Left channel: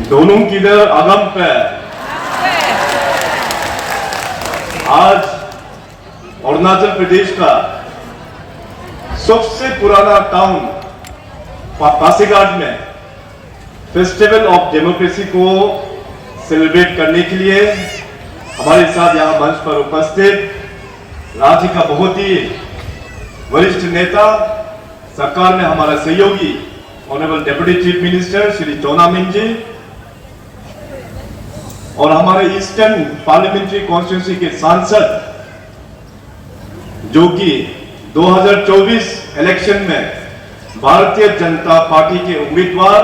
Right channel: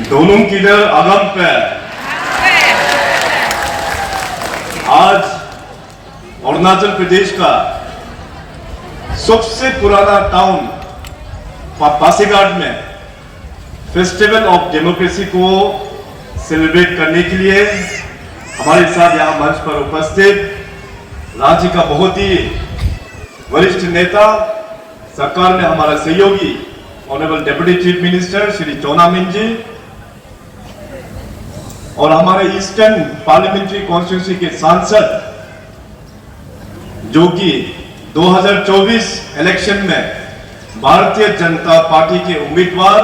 दोनों किधर आगम पे आज अरुणाचल प्रदेश का सबसे पुराना टाउन पासीघाट में फेस्टिवल ऑफ डेमोक्रेसी को सेलिब्रेट करने के लिए हमारे साथ यहाँ मंच पर उपस्थित राज्य का बहुत ही वरिष्ठ नेता, सरकार में हमारा सहयोगी honourable deputy chief minister Shri Chowna Mein ji और हमारे ईस्टर्न पार्लियामेंट्री कॉन्स्टिट्यूंसी के सांसद जो कि 2024 इलेक्शन में भारतीय जनता पार्टी के उम्मीदवार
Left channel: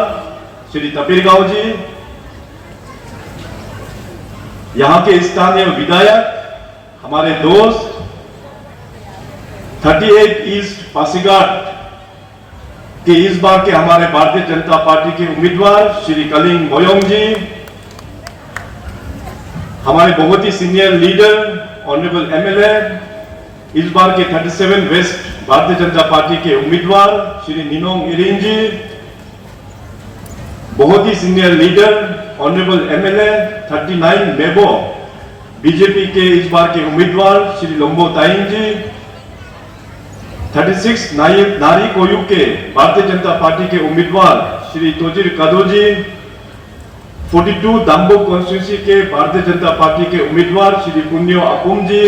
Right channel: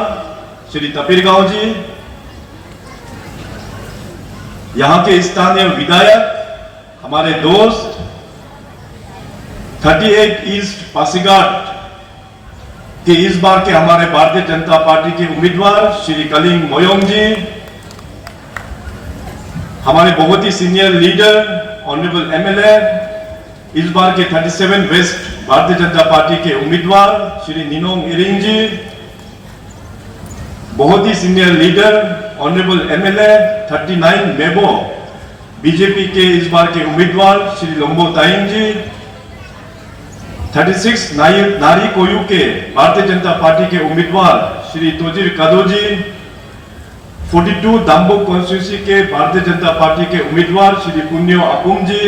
श्री तपिरगांव जी, यहां के स्थानीय विधायक, हमारे दोस्त 38 ईस्ट पासीघाट के इस बार के हमारे भारतीय जनता पार्टी के उम्मीदवार श्री कलिंग मोयोंग जी, हमारे बहुत ही सीनियर लीडर ऑनरेबल एमएलए इस बार के 37 वेस्ट भारतीय जनता पार्टी के उम्मीदवार श्री निनोंग इरिंग जी, बहुत ही senior leader honourable MLA 39 Mebo BJP के इस बार के उम्मीदवार श्री लोम्बो ताइंग जी, 36 नारी कोयू के भारतीय जनता पार्टी के उम्मीदवार श्री तोजिर कादो जी, 42 दाम्बो कॉन्स्टिट्यूंसी के भारतीय जनता पार्टी के उम्मीदवार श्री पुन्यो अपुम जी,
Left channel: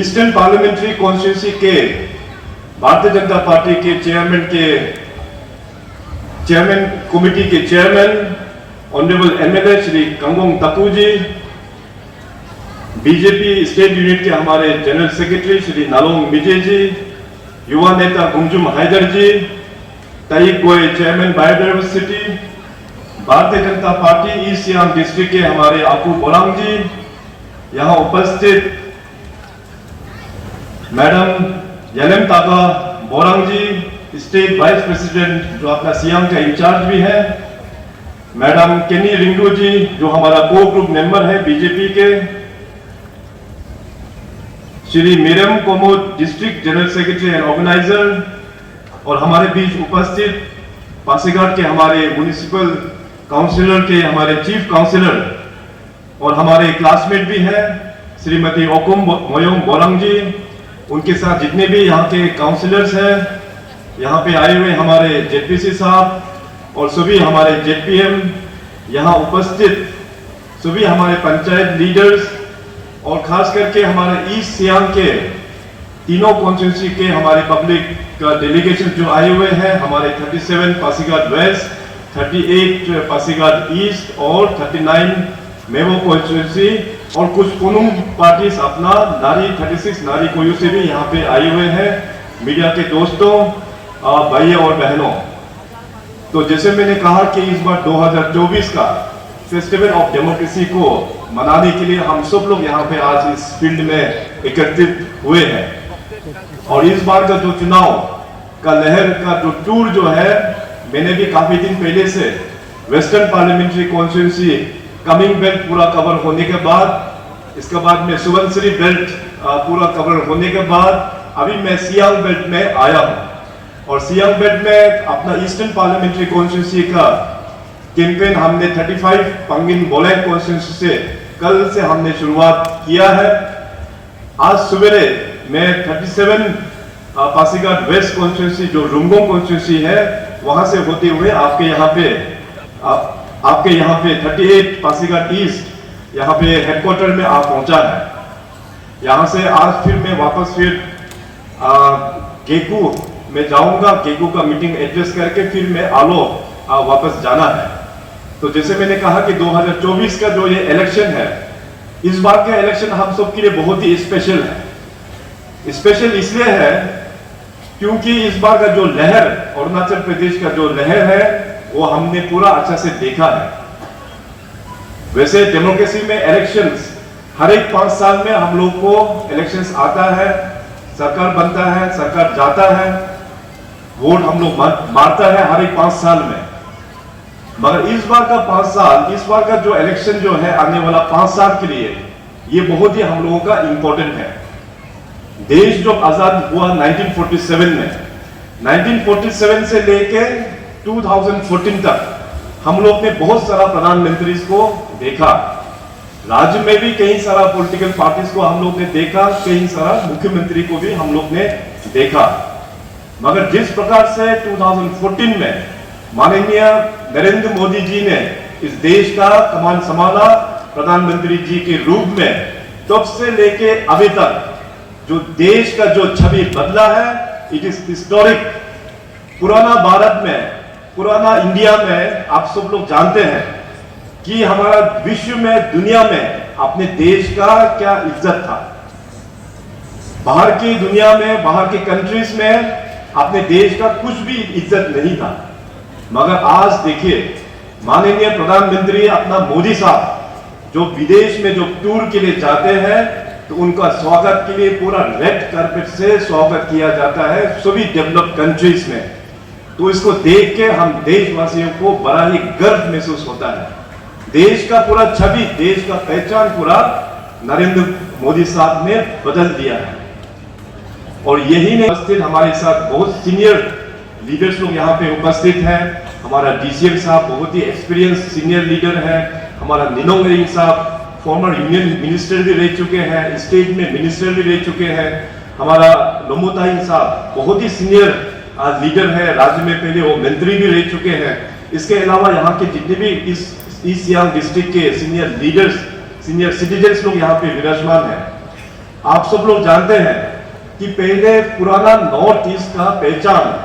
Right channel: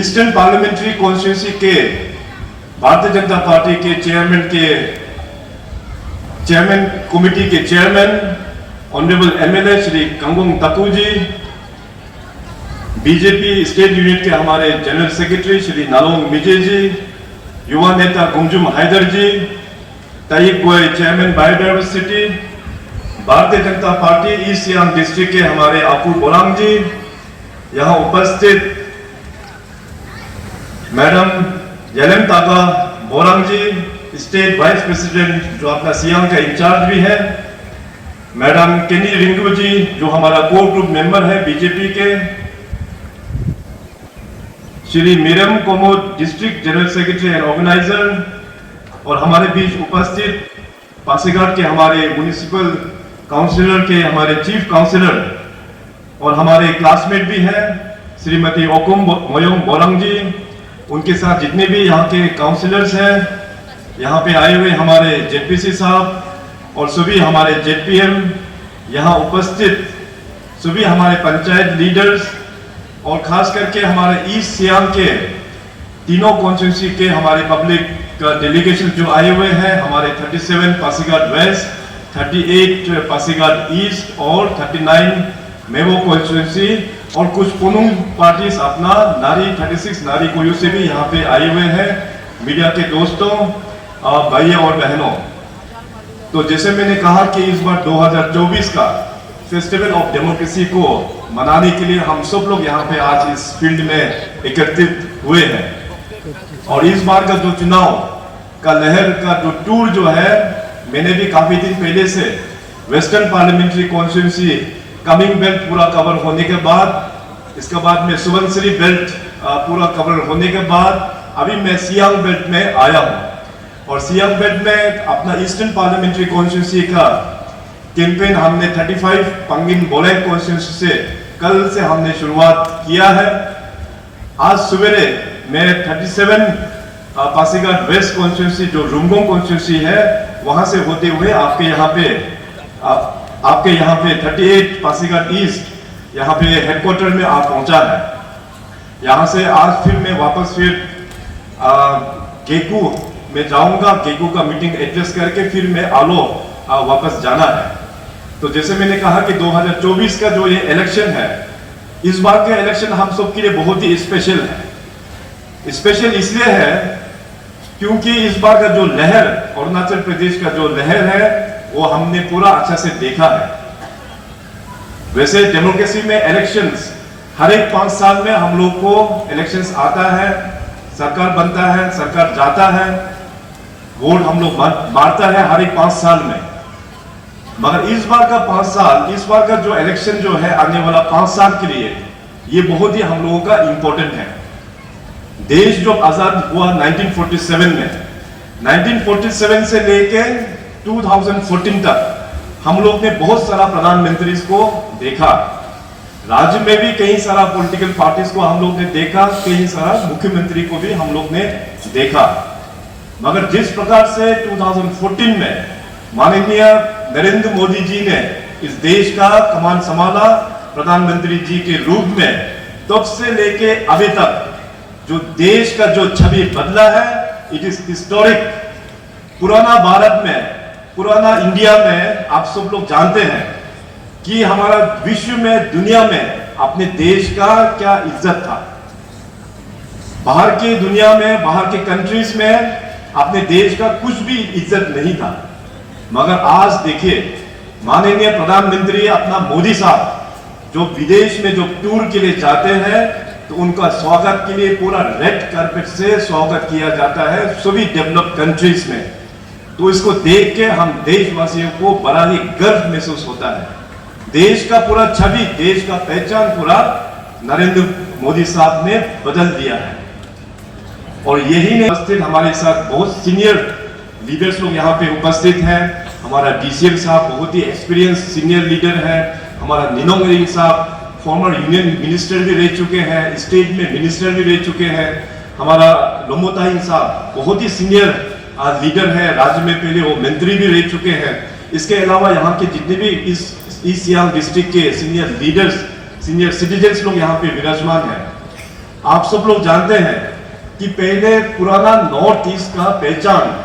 ईस्टर्न पार्लियामेंट्री कॉन्स्टिट्यूंसी के भारतीय जनता पार्टी के चेयरमैन कमेटी के चेयरमैन ऑनरेबल एमएलए श्री कंगोंग तकू जी, बीजेपी स्टेट यूनिट के हमारे जनरल सेक्रेटरी श्री नालोंग मिजे जी, युवा नेता गुमजुम हैदर जी, ताइक गोय chairman biodiversity, Bharatiya Janata party east Siang district के हमारे आपू बोरांग जी, यहाँ उपस्थित मैडम येलेम तागा बोरांग जी, स्टेट वाइस प्रेसिडेंट जो अपना सियांग का इंचार्ज भी है, मैडम केनी रिंगू जी जो हमारा कोर ग्रुप मेंबर है बीजेपी के, Shri Miram Komod district general secretary and organiser और हमारे बीच उपस्थित पासीघाट के हमारे म्युनिसिपल काउंसिलर के हमारे चीफ काउंसिलर और हमारे क्लासमेट भी हैं श्रीमती ओकुम मोयोंग बोरंग जी, उनके साथ जितने भी यहाँ के काउंसिलर्स हैं, यहाँ पे आए हुए हमारे जेडपीसी साहब और सभी हमारे जेडपीएम, यहाँ उपस्थित सभी हमारे पंचायत लीडर्स और खास करके हमारे ईस्ट सियांग के तीनों कॉन्स्टिट्यूंसी के हमारे पब्लिक का डेलीगेशन जो आए हुए हैं, हमारे 37 पासीघाट वेस्ट, 38 पासीघाट ईस्ट और 39 मेवो कॉन्स्टिट्यूंसी और कुछ कुनुंग पार्टीज अपना नारी 36 नारी कोयू से भी यहाँ पे आए हुए हैं। मीडिया के दोस्तों, भाइयों और बहनों, तो जैसे मैंने कहा कि इस बार 2024 का फेस्टिवल ऑफ डेमोक्रेसी को मनाने के लिए हम सब लोग यहाँ पे आज इस फील्ड में एकत्रित हुए हैं और इस बार का जो चुनाव का लहर का जो टूर जो है, मैंने भी काफी दिन पहले से western parliamentary constituency coming belt पूरा कवर होने के बाद, इसके बाद में सुबनसिरी बेल्ट पूरा कवर होने के बाद अभी मैं सियांग बेल्ट में आया हूँ और सियांग बेल्ट में अपना ईस्टर्न पार्लियामेंट्री कॉन्स्टिट्यूंसी का कैंपेन हमने 35 पंगिन बोलेंग कॉन्स्टिट्यूंसी से कल से हमने शुरुआत किया है। आज सवेरे मैं 37 पासीघाट वेस्ट कॉन्स्टिट्यूंसी जो रुंगोंग कॉन्स्टिट्यूंसी है वहां से होते हुए आपके यहाँ पे 38 पासीघाट ईस्ट यहाँ पे हेडक्वार्टर में आप पहुंचा है। यहाँ से आज फिर मैं वापस गेकू में जाऊंगा, गेकू का मीटिंग एड्रेस करके फिर मैं आलो वापस जाना है। तो जैसे मैंने कहा कि 2024 का जो ये इलेक्शन है, इस बार का इलेक्शन हम सब के लिए बहुत ही स्पेशल है। स्पेशल इसलिए है क्योंकि इस बार का जो लहर, अरुणाचल प्रदेश का जो लहर है वो हमने पूरा अच्छा से देखा है। वैसे डेमोक्रेसी में इलेक्शंस हर एक 5 साल में हम लोग को इलेक्शंस आता है, सरकार बनता है, सरकार जाता है, वोट हम लोग मारता है हर एक 5 साल में। मगर इस बार का 5 साल, इस बार का जो इलेक्शन जो है आने वाला 5 साल के लिए ये बहुत ही हम लोगों का इंपॉर्टेंट है। देश जो आजाद हुआ 1947 में, 1947 से लेके 2014 तक हम लोग ने बहुत सारा प्रधानमंत्री को देखा, राज्य में भी कई सारा पॉलिटिकल पार्टीज को हम लोग ने देखा, कई सारा मुख्यमंत्री को भी हम लोग ने देखा। मगर जिस प्रकार से 2014 में माननीय नरेंद्र मोदी जी ने इस देश का कमान संभाला प्रधानमंत्री जी के रूप में, तब से लेके अभी तक जो देश का जो छवि बदला है, इट इज हिस्टोरिक। पुराना भारत में, पुराना इंडिया में आप सब लोग जानते हैं कि हमारा विश्व में, दुनिया में अपने देश का क्या इज्जत था। बाहर की दुनिया में, बाहर के कंट्रीज में अपने देश का कुछ भी इज्जत नहीं था। मगर आज देखिए, माननीय प्रधानमंत्री अपना मोदी साहब जो विदेश में जो टूर के लिए जाते हैं, तो उनका स्वागत के लिए पूरा रेड कार्पेट से स्वागत किया जाता है सभी डेवलप्ड कंट्रीज में। तो इसको देख के हम देशवासियों को बड़ा ही गर्व महसूस होता है। देश का पूरा छवि, देश का पहचान पूरा नरेंद्र मोदी साहब ने बदल दिया है। और यही नहीं, उपस्थित हमारे साथ बहुत सीनियर लीडर्स लोग यहाँ पे उपस्थित हैं। हमारा डीसीएम साहब बहुत ही एक्सपीरियंस सीनियर लीडर है। हमारा निनोंग इरिंग साहब फॉर्मर यूनियन मिनिस्टर भी रह चुके हैं, स्टेट में मिनिस्टर भी रह चुके हैं। हमारा लोमोताइंग साहब बहुत ही सीनियर लीडर है, राज्य में पहले वो मंत्री भी रह चुके हैं। इसके अलावा यहाँ के जितने भी इस ईस्ट सियांग डिस्ट्रिक्ट के सीनियर लीडर्स, सीनियर सिटीजन्स लोग यहाँ पे विराजमान हैं। आप सब लोग जानते हैं कि पहले पुराना नॉर्थ ईस्ट का पहचान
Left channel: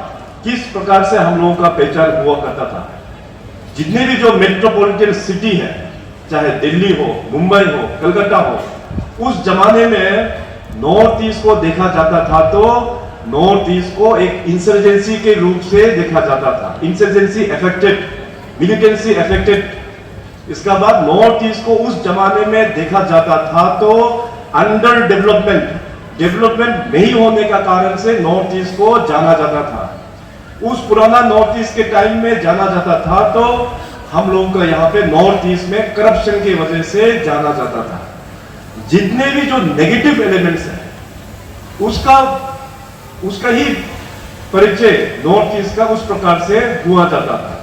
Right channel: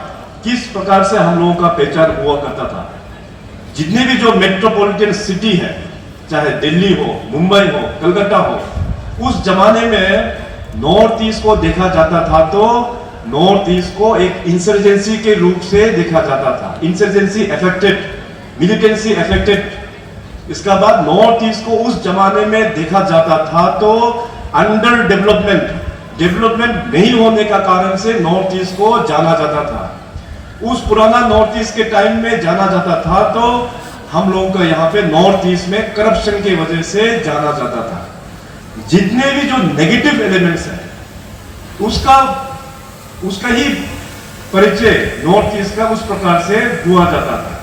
किस प्रकार से हम लोगों का पहचान हुआ करता था। जितने भी जो मेट्रोपॉलिटन सिटी है, चाहे दिल्ली हो, मुंबई हो, कलकत्ता हो, उस जमाने में नॉर्थ ईस्ट को देखा जाता था तो नॉर्थ ईस्ट को एक इंसर्जेंसी के रूप से देखा जाता था। Insurgency affected, militancy affected. इसका बाद नॉर्थ ईस्ट को उस जमाने में देखा जाता था तो अंडर डेवलपमेंट, डेवलपमेंट नहीं होने का कारण से नॉर्थ ईस्ट को जाना जाता था। उस पुराना नॉर्थ ईस्ट के टाइम में जाना जाता था तो हम लोगों का यहाँ पे नॉर्थ ईस्ट में करप्शन की वजह से जाना जाता था। जितने भी जो नेगेटिव एलिमेंट्स हैं उसका ही परिचय नॉर्थ ईस्ट का उस प्रकार से हुआ जाता था।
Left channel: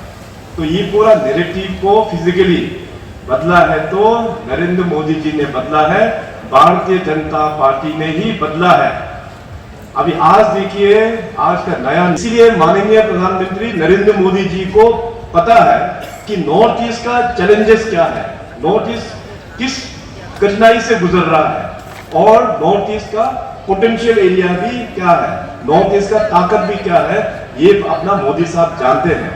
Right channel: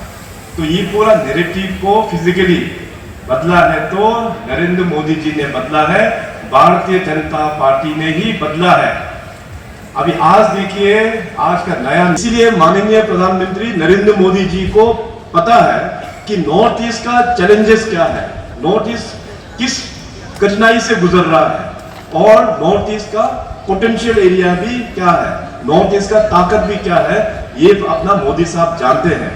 तो ये पूरा नैरेटिव को फिजिकली बदला है तो नरेंद्र मोदी जी ने बदला है, भारतीय जनता पार्टी ने ही बदला है। अभी आज देखिए, आज का नया, इसीलिए माननीय प्रधानमंत्री नरेंद्र मोदी जी को पता है कि नॉर्थ ईस्ट का चैलेंजेस क्या है, नॉर्थ ईस्ट किस कठिनाई से गुजर रहा है और नॉर्थ ईस्ट का पोटेंशियल एरिया भी क्या है, नॉर्थ ईस्ट का ताकत भी क्या है, ये अपना मोदी साहब जानते हैं।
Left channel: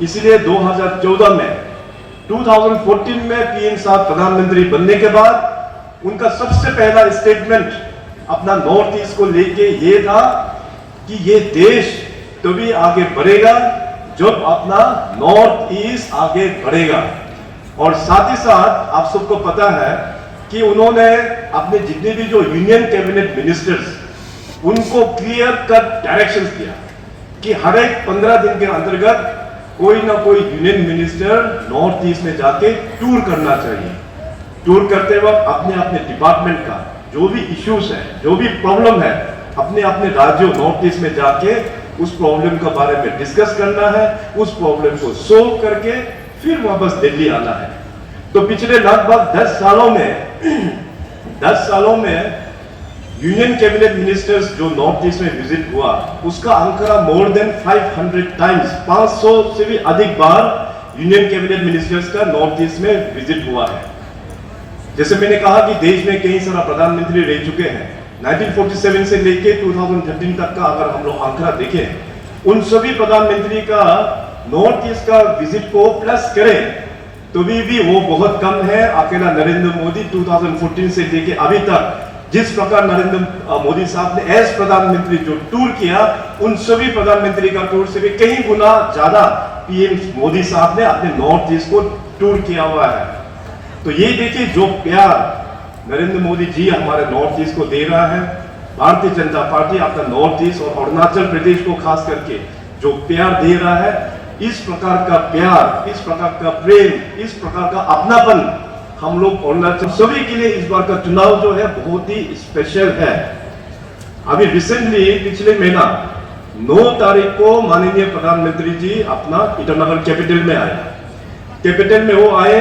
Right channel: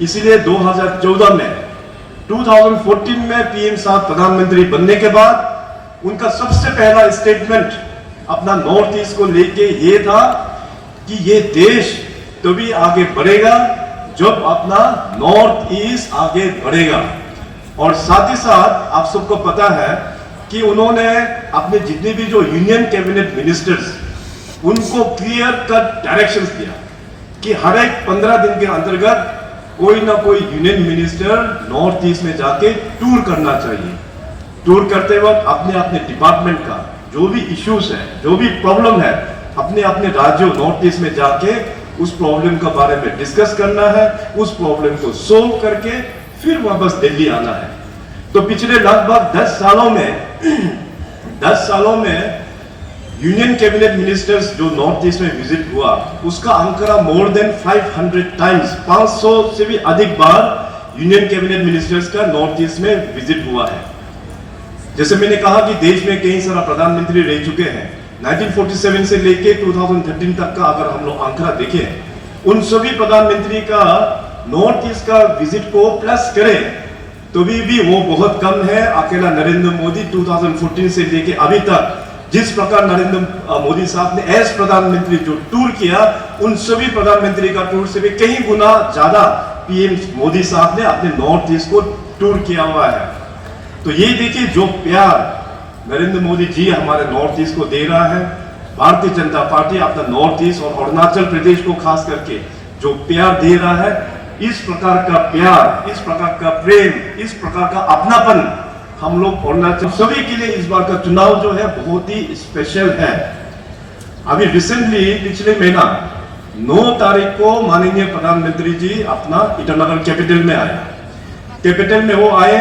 इसीलिए 2014 में 2014 में पीएम साहब प्रधानमंत्री बनने के बाद उनका सबसे पहला स्टेटमेंट अपना नॉर्थ ईस्ट को लेके ये था कि ये देश तभी आगे बढ़ेगा जब अपना नॉर्थ ईस्ट आगे बढ़ेगा। और साथ ही साथ आप सबको पता है कि उन्होंने अपने जितने भी जो यूनियन कैबिनेट मिनिस्टर्स, उनको क्लियर कट डायरेक्शंस दिया कि हर एक 15 दिन के अंतर्गत कोई ना कोई यूनियन मिनिस्टर नॉर्थ ईस्ट में जाके टूर करना चाहिए। टूर करते वक्त अपने अपने डिपार्टमेंट का जो भी इश्यूज है, जो भी प्रॉब्लम है, अपने अपने राज्यों नॉर्थ ईस्ट में जाके उस प्रॉब्लम के बारे में डिस्कस करना है, उस प्रॉब्लम को सोल्व करके फिर वापस दिल्ली आना है। तो पिछले लगभग 10 सालों में यूनियन कैबिनेट मिनिस्टर्स जो नॉर्थ ईस्ट में विजिट हुआ, उसका आंकड़ा मोर देन 500 टाइम्स, 500 से भी अधिक बार यूनियन कैबिनेट मिनिस्टर्स का नॉर्थ ईस्ट में विजिट हुआ है। जैसे मैंने कहा कि देश में कई सारा प्रधानमंत्री रह चुके हैं। 1947 से लेके 2013 तक का अगर हम लोग आंकड़ा देखें, उन सभी प्रधानमंत्री का नॉर्थ ईस्ट का विजिट को प्लस करें तो भी वो बहुत कम है। अकेला नरेंद्र मोदी 2014 से लेके अभी तक जिस प्रकार नरेंद्र मोदी साहब ने एज प्रधानमंत्री जो टूर किया, उन सभी प्रधानमंत्री का टूर से भी कई गुना ज्यादा पीएम मोदी साहब ने अपने नॉर्थ ईस्ट को टूर किया हुआ है। तो ये देखिए जो प्यार नरेंद्र मोदी जी हमारे नॉर्थ ईस्ट को दे रहा है, भारतीय जनता पार्टी अपना नॉर्थ ईस्ट और अरुणाचल प्रदेश को खास करके जो प्यार दे रहा है, इस प्रकार का प्यार, इस प्रकार का प्रेम, इस प्रकार का अपनापन हम लोग अरुणाचल सभी के लिए इस बार का चुनाव जो है बहुत ही स्पेशल है। अभी रिसेंटली पिछले महीना 9 तारीख को माननीय प्रधानमंत्री जी अपना ईटानगर कैपिटल में आए। कैपिटल में वो आए,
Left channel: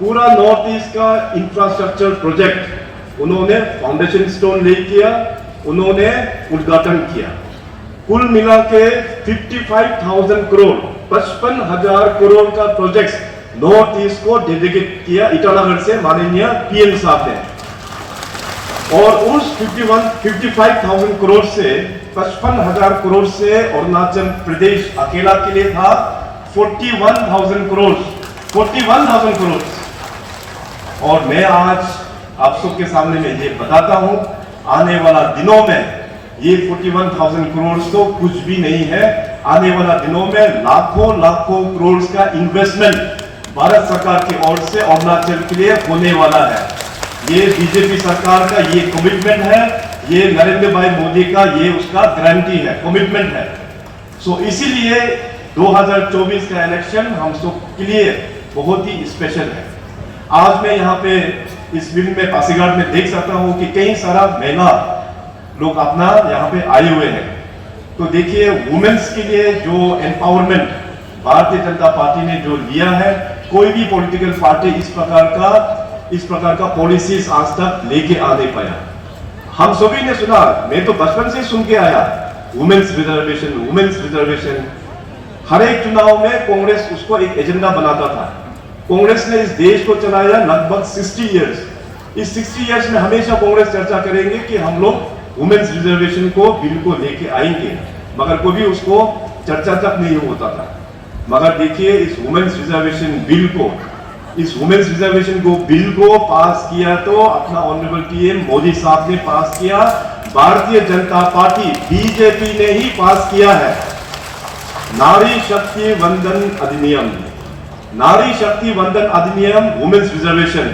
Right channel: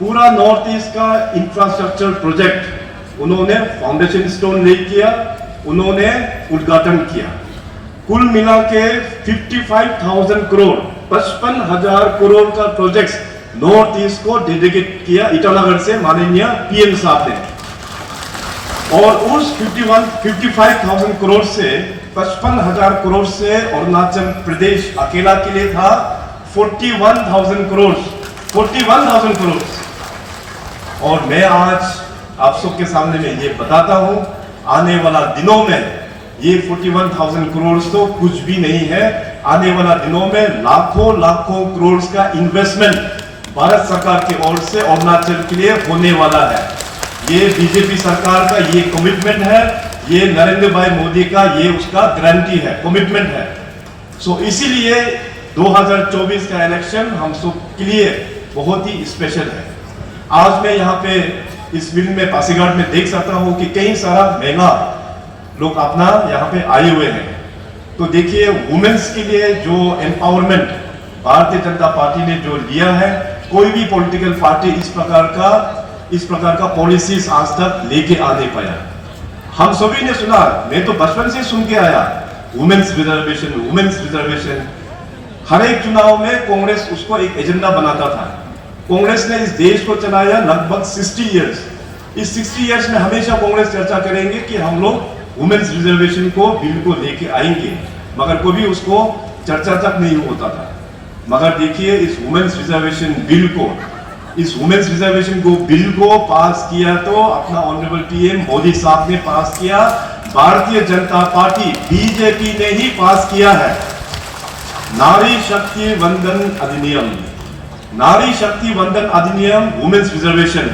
पूरा नॉर्थ ईस्ट का इंफ्रास्ट्रक्चर प्रोजेक्ट उन्होंने फाउंडेशन स्टोन ले किया, उन्होंने उद्घाटन किया। कुल मिला के 55,000 करोड़ 55,000 करोड़ का प्रोजेक्ट नॉर्थ ईस्ट को डेडिकेट किया ईटानगर से माननीय पीएम साहब ने। और उस 55,000 करोड़ से 55,000 करोड़ से अरुणाचल प्रदेश अकेला के लिए था 41,000 करोड़ 41,000 करोड़। और मैं आज आप सबके सामने में ये बताता हूं, आने वाला दिनों में ये 41,000 करोड़ तो कुछ भी नहीं है। आने वाला दिनों में लाखों लाखों करोड़ का इन्वेस्टमेंट भारत सरकार की ओर से अरुणाचल के लिए होने वाला है। ये बीजेपी सरकार का ये कमिटमेंट है, ये नरेंद्र भाई मोदी का ये उसका गारंटी है, कमिटमेंट है। सो इसीलिए 2024 का इलेक्शन हम सब के लिए बहुत ही स्पेशल है। आज मैं यहाँ पे इस फिल्म में पासीघाट में देख सकता हूँ कि कई सारा महिला लोग अपना यहाँ पे आए हुए हैं। तो देखिए, वुमेन्स के लिए जो एम्पावरमेंट भारतीय जनता पार्टी ने जो लिया है, कोई भी पॉलिटिकल पार्टी इस प्रकार का पॉलिसीज आज तक लेके आ नहीं पाया। हम सभी ने सुना, मैं तो बचपन से सुन के आया, वुमेन्स रिजर्वेशन। हर एक चुनाव में कांग्रेस उसको एक एजेंडा बनाता था। कांग्रेस ने इस देश को चलाया लगभग 60 इयर्स। इस 60 इयर्स में हमेशा कांग्रेस चर्चा करेंगे कि हम लोग वुमेन्स रिजर्वेशन को बिल को लेके आएंगे, मगर कभी उसको चर्चा तक नहीं होता था। मगर देखिए, इस वुमेन्स रिजर्वेशन बिल को पास किया तो अपना ऑनरेबल पीएम मोदी साहब ने पास किया, भारतीय जनता पार्टी बीजेपी ने ही पास किया है। नारी शक्ति वंदन अधिनियम वुमेन्स रिजर्वेशन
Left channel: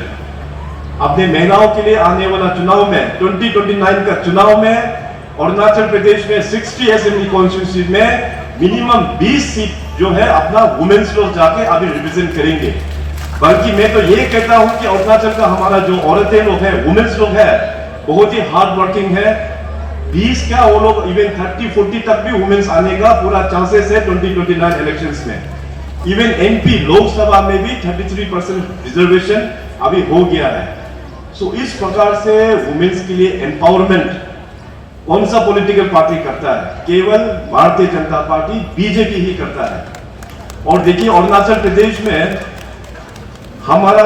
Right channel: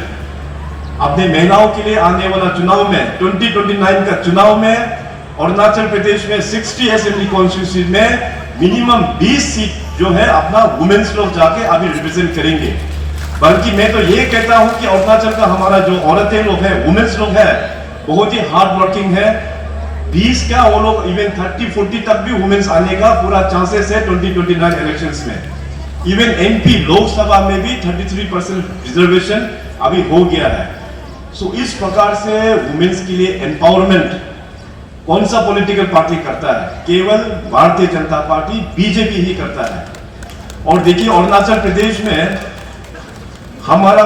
अपने महिलाओं के लिए आने वाला चुनाव में 2029 का चुनाव में अरुणाचल प्रदेश में 60 असेंबली कॉन्स्टिट्यूंसी में मिनिमम 20 सीट जो है अपना वुमेन्स लोग जाके अभी रिप्रेजेंट करेंगे। बल्कि मैं तो ये कहता हूं कि अरुणाचल का हमारा जो औरतें लोग हैं, वुमेन्स लोग हैं, बहुत ही हार्ड वर्किंग है। 20 क्या, वो लोग इवन 30-40 तक भी वुमेन्स आने का पूरा चांसेस है 2029 इलेक्शंस में। इवन एमपी लोकसभा में भी 33% रिजर्वेशन अभी हो गया है। सो इस प्रकार से वुमेन्स के लिए एम्पावरमेंट कौन सा पॉलिटिकल पार्टी करता है? केवल भारतीय जनता पार्टी बीजेपी ही करता है। और देखिए, अरुणाचल प्रदेश में हमारा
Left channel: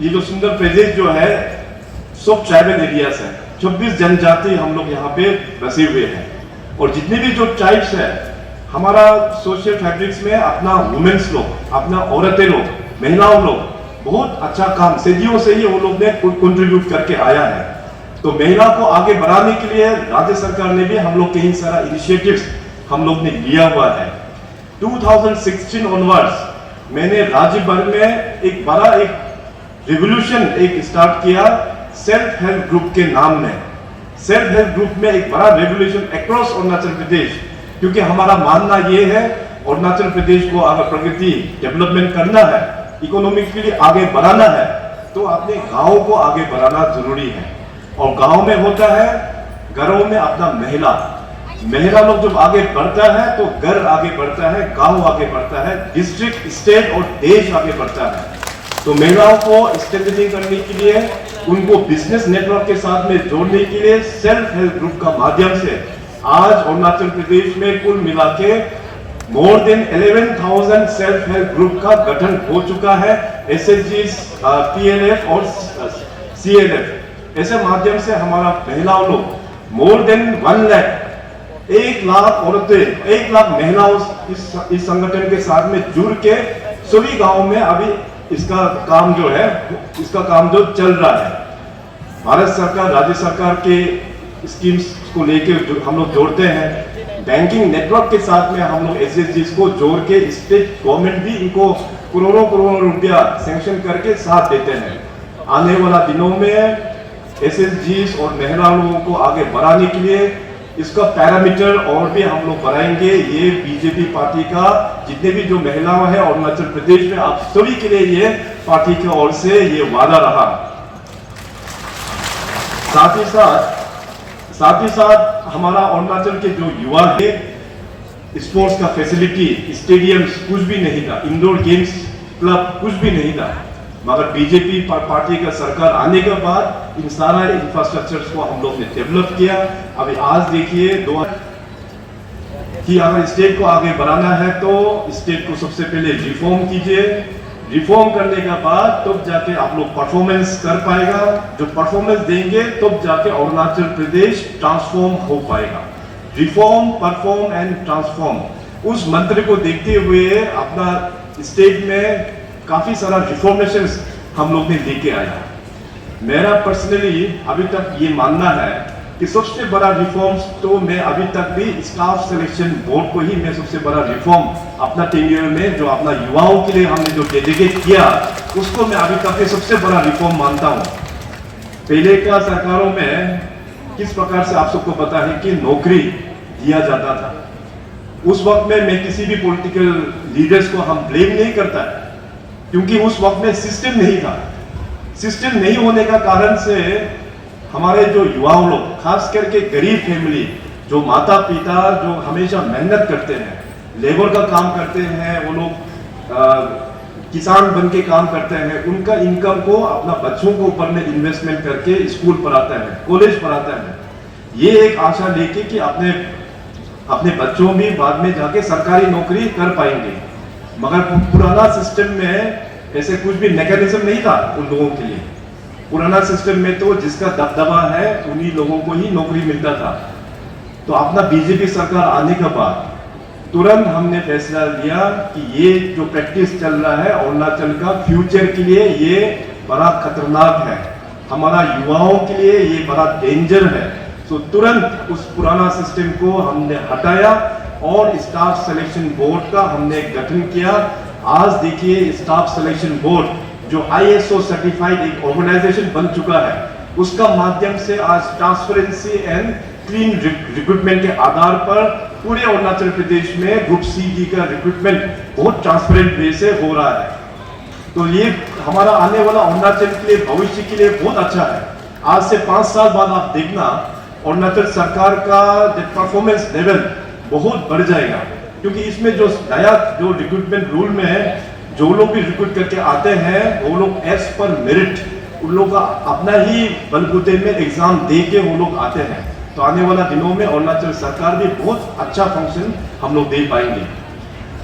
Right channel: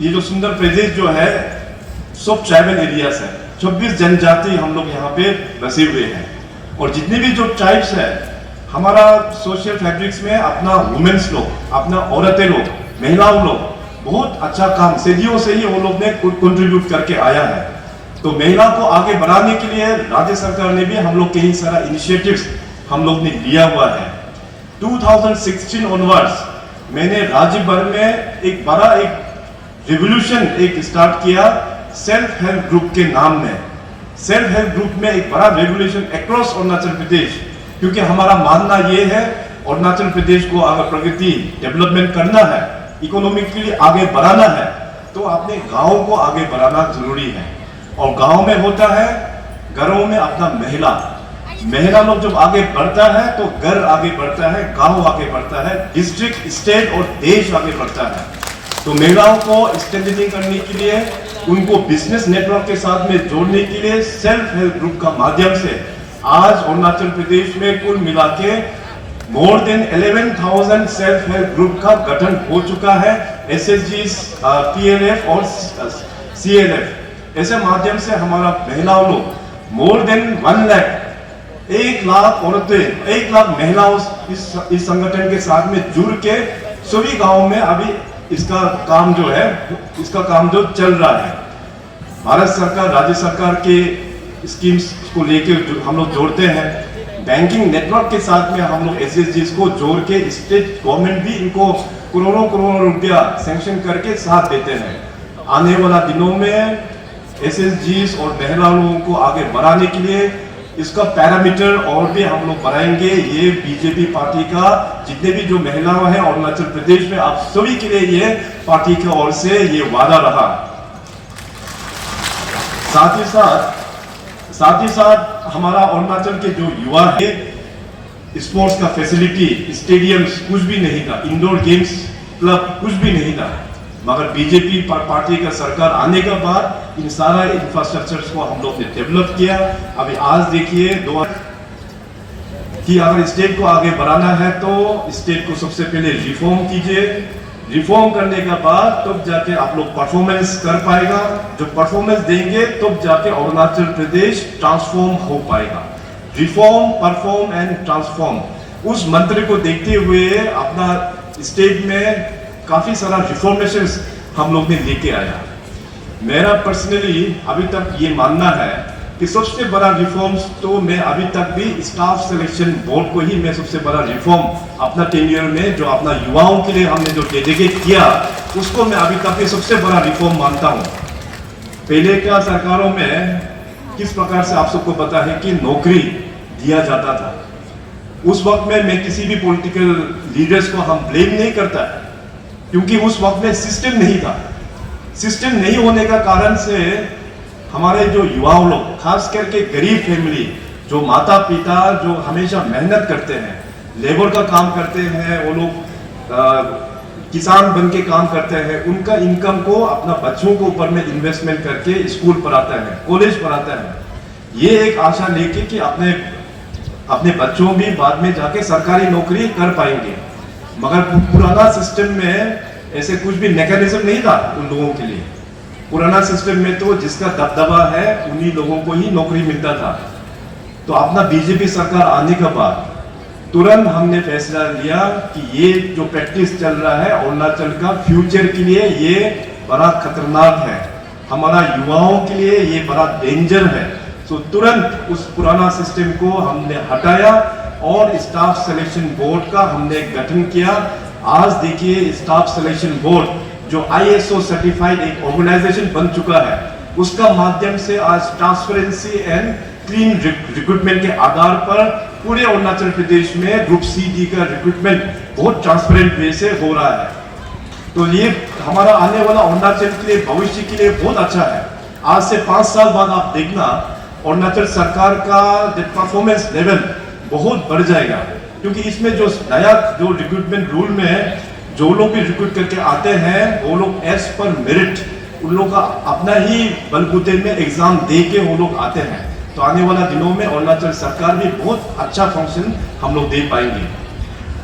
ये जो सुंदर प्रदेश जो है, सब ट्राइबल एरियाज है। 26 जनजाति हम लोग यहाँ पे बसे हुए हैं। और जितने भी जो ट्राइब्स है, हमारा सोशल फैब्रिक्स में अपना वुमेन्स लोग, अपना औरतें लोग, महिलाओं लोग बहुत अच्छा काम सदियों से ही वो लोग ने कंट्रीब्यूट करके आया है। तो महिला को आगे बढ़ाने के लिए राज्य सरकार ने भी हम लोग कई सारा इनिशिएटिव्स हम लोग ने लिया हुआ है। 2016 ऑनवर्ड्स मैंने राज्य भर में एक बड़ा रिवोल्यूशन स्टार्ट किया सेल्फ हेल्प ग्रुप के नाम में। सेल्फ हेल्प ग्रुप में एक बड़ा रेवोल्यूशन अक्रॉस अरुणाचल प्रदेश, क्योंकि हमारा मानना यह है अरुणाचल प्रदेश को अगर प्रगति डेवलपमेंट करना है, इकोनॉमिकली आगे बढ़ाना है, तो अपने गांव को आगे बढ़ाना जरूरी है। और गांव में होता है, घरों में अपना महिला लोग जब आगे बढ़ता है तो घर आगे बढ़ता है, गांव आगे बढ़ता है, डिस्ट्रिक्ट, स्टेट और देश आगे बढ़ता है। तो महिलाओं को स्ट्रेंथनिंग करने के लिए, उनको बिजनेस नेटवर्क के साथ में जोड़ने के लिए सेल्फ हेल्प ग्रुप का माध्यम से आज अरुणाचल प्रदेश में कुल मिला के more than 11,000 self help group का गठन हो चुका है। SSGs, PLF और CLF ऐसे माध्यम से हमारा महिलाओं लोग मोर देन 1 लाख औरतें, 1 लाख महिलाओं इस संगठन के साथ में जुड़ के सभी गांवों में अभी इसका काम जो चल रहा है। भारत सरकार, राज्य सरकार के स्कीम्स को लेके हम लोग जोड़ते हैं। बैंकिंग नेटवर्क के साथ में हम लोग SSGs को जोड़ के स्टेट गवर्नमेंट भी इनको करोड़ों रुपया सैंक्शन करके साथ देते हैं। आने वाला दिनों में SSGs और महिला लोगों को आगे बढ़ाने के लिए इसका पैरामीटर और भी हम लोग बढ़ाएंगे। ये बीजेपी पार्टी का जितने भी जो महिलाएं हैं अरुणाचल प्रदेश में, आप सभी के लिए ये पार्टी की ओर से ये वादा रहा। साथ ही साथ हमारा अरुणाचल के जो युवा है, स्पोर्ट्स का फैसिलिटी, स्टेडियम्स कुछ भी नहीं था, इंडोर गेम्स क्लब कुछ भी नहीं था, मगर बीजेपी पार्टी का सरकार आने के बाद इन सारा इंफ्रास्ट्रक्चर्स को हम लोग ने डेवलप किया। अभी आज देखिए कि अगर स्टेट को आगे बढ़ाना है तो स्टेट को सबसे पहले रिफॉर्म कीजिए, रिफॉर्म करने के बाद तब जाके आप लोग परफॉर्मेंस कर पाएगा, जो परफॉर्मेंस देंगे तब जाके अरुणाचल प्रदेश ट्रांसफॉर्म हो पाएगा। रिफॉर्म, परफॉर्म एंड ट्रांसफॉर्म, उस मंत्र को देखते हुए अपना स्टेट में काफी सारा रिफॉर्मेशंस हम लोग ने लेके आया। मेरा पर्सनली अभी तक ये मानना है कि सबसे बड़ा रिफॉर्म्स तो मैं अभी तक भी स्टाफ सिलेक्शन बोर्ड को ही मैं सबसे बड़ा रिफॉर्म अपना टेन्योर में जो अपना युवाओं के लिए हमने जो डेडिकेट किया उसको मैं अभी तक सबसे बड़ा रिफॉर्म मानता हूँ। पहले का सरकारों में किस प्रकार से आप सबको पता है कि नौकरी दिया जाता था। उस वक्त में मैं किसी भी पॉलिटिकल लीडर्स को हम ब्लेम नहीं करता क्योंकि उस वक्त में सिस्टम नहीं था। सिस्टम नहीं होने का कारण से हमारे जो युवा लोग, खास करके गरीब फैमिली, जो माता पिता जो हमेशा मेहनत करते हैं, लेबर का काम करते हैं, वो लोग किसान बन के काम करते हैं, उनका इनकम को अपना बच्चों के ऊपर में इन्वेस्टमेंट करके स्कूल पढ़ाते हैं, कॉलेज पढ़ाते हैं, ये एक आशा लेके कि अपने बच्चों भी बाद में जाके सरकारी नौकरी कर पाएंगे। मगर पुराना सिस्टम में ऐसे कुछ भी मैकेनिज्म नहीं था उन लोगों के लिए। पुराना सिस्टम में तो जिसका दबदबा है उन्हीं लोगों को ही नौकरी मिलता था। तो अपना बीजेपी सरकार आने के बाद तुरंत हमने फैसला लिया कि ये जो प्रैक्टिस चल रहा है अरुणाचल का फ्यूचर के लिए ये बड़ा खतरनाक है, हमारा युवाओं के लिए ये बड़ा डेंजर है। तो तुरंत उस पुराना सिस्टम को हमने हटाया और स्टाफ सिलेक्शन बोर्ड का हमने गठन किया। आज देखिए स्टाफ सिलेक्शन बोर्ड जो ISO सर्टिफाइड एक ऑर्गेनाइजेशन बन चुका है, उसका माध्यम से आज ट्रांसपेरेंसी एंड क्लीन रिक्रूटमेंट के आधार पर पूरे अरुणाचल प्रदेश में ग्रुप CD का रिक्रूटमेंट बहुत ट्रांसपेरेंट वे से हो रहा है। तो ये हमारा आने वाला अरुणाचल के लिए, भविष्य के लिए बहुत अच्छा है। आज से 5 साल बाद आप देखना अरुणाचल सरकार का परफॉर्मेंस लेवल बहुत बढ़ जाएगा, क्योंकि इसमें जो नया जो रिक्रूटमेंट रूल में है, जो लोग भी रिक्रूट करके आते हैं वो लोग एज पर मेरिट, उन लोगों का अपना ही बलबूते में एग्जाम दे के वो लोग आते हैं। तो आने वाला दिनों में अरुणाचल सरकार भी बहुत अच्छा फंक्शन हम लोग दे पाएंगे।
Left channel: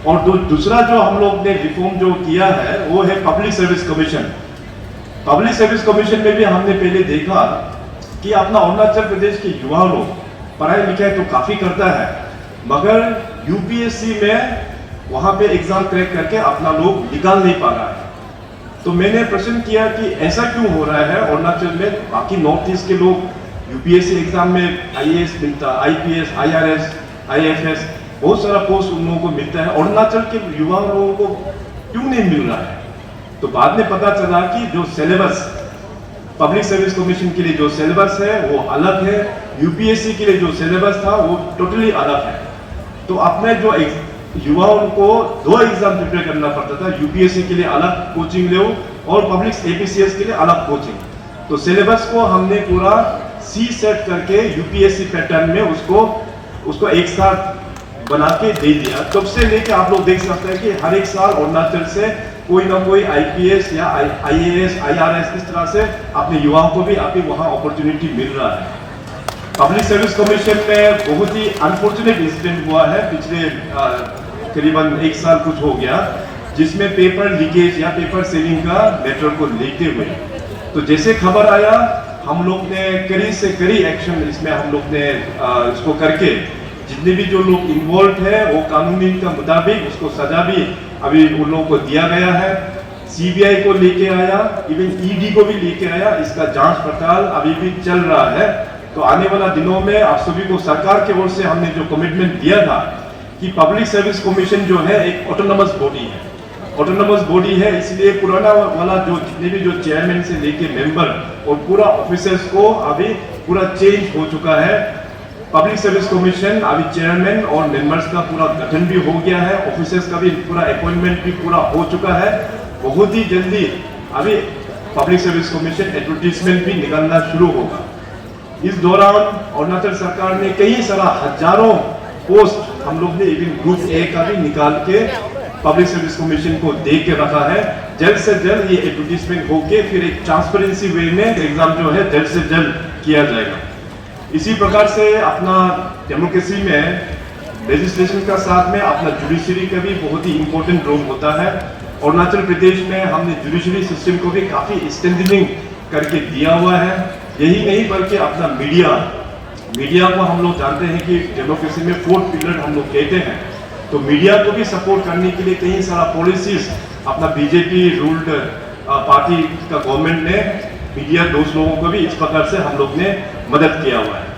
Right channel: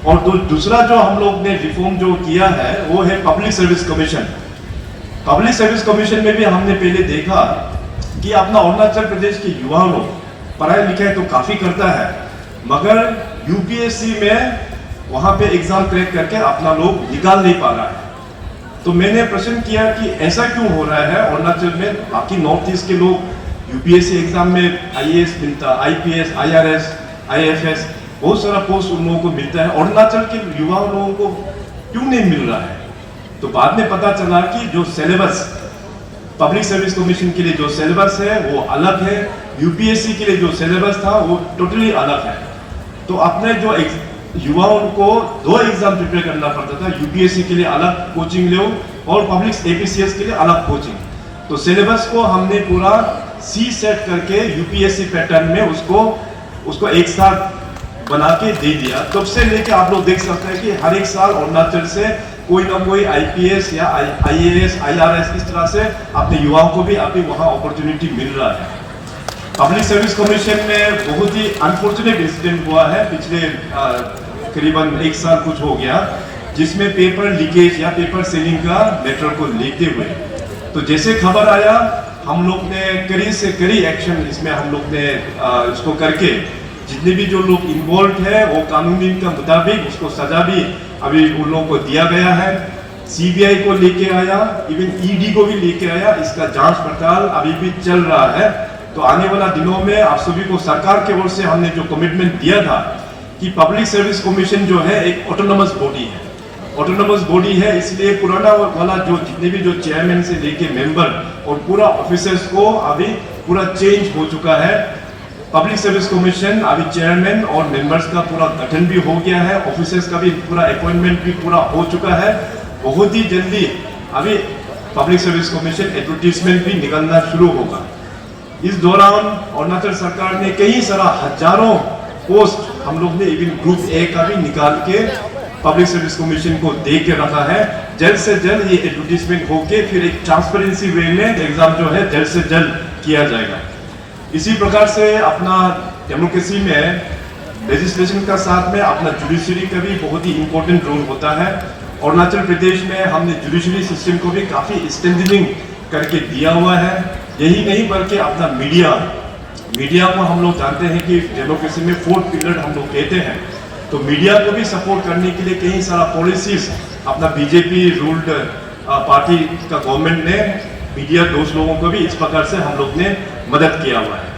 और दूसरा जो हम लोग ने रिफॉर्म जो किया है वो है public service commission. Public service commission में भी हमने पहले देखा कि अपना अरुणाचल प्रदेश के युवा लोग पढ़ाई लिखाई तो काफी करता है, मगर UPSC में वहां पे एग्जाम क्रैक करके अपना लोग निकाल नहीं पा रहा है। तो मैंने प्रश्न किया कि ऐसा क्यों हो रहा है अरुणाचल में। बाकी नॉर्थ ईस्ट के लोग UPSC एग्जाम में IAS मिलता, IPS, IRS, IFS, बहुत सारा पोस्ट उन लोगों को मिलता है, अरुणाचल के युवा लोगों को क्यों नहीं मिल रहा है। तो बाद में पता चला कि जो सिलेबस पब्लिक सर्विस कमीशन के लिए जो सिलेबस है वो अलग है, UPSC के लिए जो सिलेबस था वो टोटली अलग है। तो अपने जो युवाओं को 2 एग्जाम प्रिपेयर करना पड़ता था, UPSC के लिए अलग कोचिंग लो और पब्लिक APCS के लिए अलग कोचिंग। तो सिलेबस को हमने पूरा C सेट करके UPSC पैटर्न में उसको एक साथ बना के दे दिया। तब से लेके आप लोग देख सकते हैं कि हर एक साल अरुणाचल से कोई ना कोई IPS या IAS, IRS इस तरह से अपने युवाओं को भी अभी वहाँ अपॉर्चुनिटी मिल रहा है। पब्लिक सर्विस कमीशन में बहुत ही अनफॉर्चुनेट इंसिडेंट हुआ है पिछले करीबन 1 साल कुछ हो गया, जिसमें पेपर लीकेज या पेपर सीलिंग का मैटर को लेते हुए तो जैसे खबर आया हम लोग ने कड़ी से कड़ी एक्शन इसमें हम लोग ने इसको करके जितने भी जो लोग इन्वॉल्व है वो कानूनी के मुताबिक उसको सजा भी अभी उन लोगों को दिया गया है। CBI को लेके आया, इवन ED को भी लेके आया, इसका जांच पड़ताल अभी भी चल रहा है। तो आने वाला दिनों में आप सभी को सरकार की ओर से हमने जो कमिटमेंट दिया था कि पब्लिक सर्विस कमीशन जो है एक ऑटोनोमस बॉडी है, ऑटोनोमस बॉडी है, इसलिए पुराना वाला जो जितने भी जो चेयरमैन से लेके मेंबर और पूरा ऑफिसर्स को अभी पूरा चेंज हो चुका है। पब्लिक सर्विस कमीशन अभी चेयरमैन और मेंबर्स का पूरा गठन भी हो गया है, ऑफिसर्स का भी पूरा अपॉइंटमेंट भी पूरा हो चुका है। बहुत ही जल्दी अभी पब्लिक सर्विस कमीशन एडवर्टीजमेंट भी निकलना शुरू होगा। इस दौरान अरुणाचल सरकार ने कई सारा हजारों पोस्ट हम लोग ने इवन ग्रुप A का भी निकाल के पब्लिक सर्विस कमीशन को दे के रखा है। जल्द से जल्द ये एडवर्टीजमेंट होके फिर एक ट्रांसपेरेंसी वे में एग्जाम जो है जल्द से जल्द किया जाएगा। इसी प्रकार से अपना डेमोक्रेसी में लेजिस्लेशन का साथ में अपना जुडिशरी का भी बहुत ही इंपॉर्टेंट रोल होता है। अरुणाचल प्रदेश में हमने जुडिशरी सिस्टम को भी काफी स्ट्रेंथनिंग करके दिया हुआ है। यही नहीं बल्कि अपना मीडिया को हम लोग जानते हैं कि डेमोक्रेसी में फोर्थ पिलर हम लोग कहते हैं, तो मीडिया को भी सपोर्ट करने के लिए कई सारा पॉलिसीज अपना बीजेपी रूल्ड पार्टी का गवर्नमेंट ने मीडिया दोस्त लोगों को भी इस प्रकार से हम लोग ने मदद किया हुआ है।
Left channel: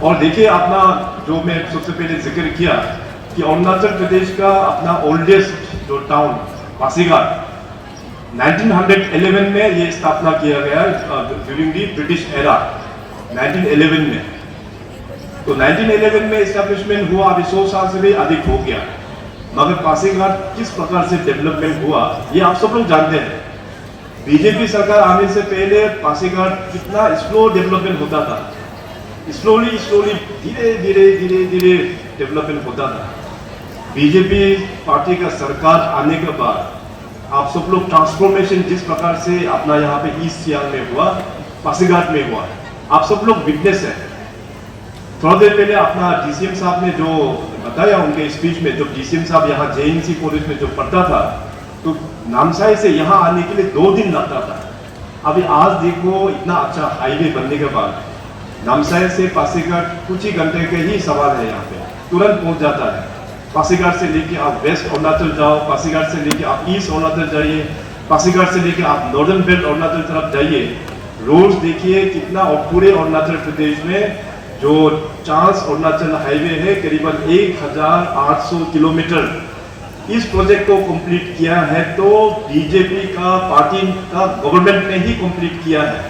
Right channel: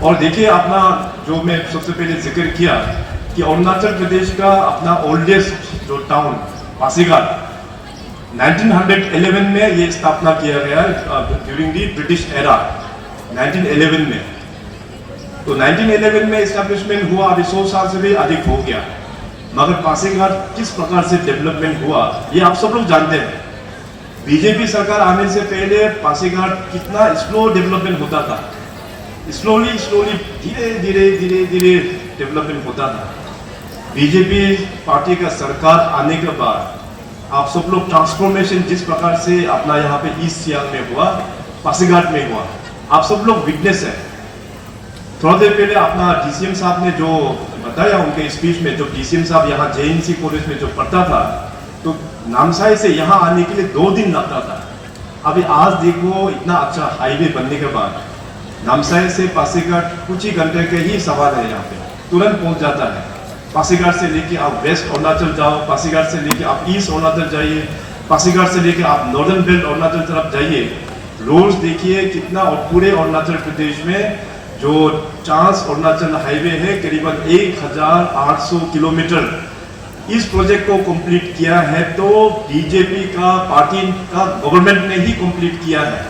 और देखिए अपना जो मैं सबसे पहले जिक्र किया कि अरुणाचल प्रदेश का अपना ओल्डेस्ट जो टाउन पासीघाट 1911 में ये स्थापना किया गया ड्यूरिंग दी ब्रिटिश एरा 1911 में। तो 1911 में एस्टैब्लिशमेंट हुआ, अभी 100 साल से भी अधिक हो गया, मगर पासीघाट किस प्रकार से डेवलपमेंट हुआ ये आप सब लोग जानते हैं। बीजेपी सरकार आने से पहले पासीघाट कितना स्लो डेवलपमेंट होता था, स्लोली धीरे डेवलपमेंट होता था। बीजेपी पार्टी का सरकार आने के बाद आप सब लोग ट्रांसफॉर्मेशन जिस प्रकार से अपना यहाँ पे ईस्ट सियांग में हुआ, पासीघाट में हुआ, आप सब लोग विटनेस है। थोड़ा देर पहले अपना डीसीएम साहब ने जो बताया उनके स्पीच में, जब डीसीएम साहब यहाँ जेएनसी कॉलेज में जो पढ़ता था तो नामसाई से यहाँ आने के लिए 2 दिन लगता था। अभी आज देखो इतना अच्छा हाईवे बनने के बाद नामसाई से पासीघाट कुछ ही घंटे के ही सवाल है, यहाँ पे तुरंत पहुंच जाता है। पासीघाट से लेके आप वेस्ट अरुणाचल जाओ, पासीघाट से लेके आप ईस्ट अरुणाचल जाइए, पासीघाट से लेके आप नॉर्दर्न बेल्ट अरुणाचल तरफ जाइए, रोड्स देखिए कितना। और पूरे अरुणाचल प्रदेश में जो ट्रांस अरुणाचल हाईवे है करीबन 1800 किलोमीटर इस प्रोजेक्ट को कंप्लीट किया है, तो बीजेपी का पार्टी का गवर्नमेंट ने ही कंप्लीट किया है।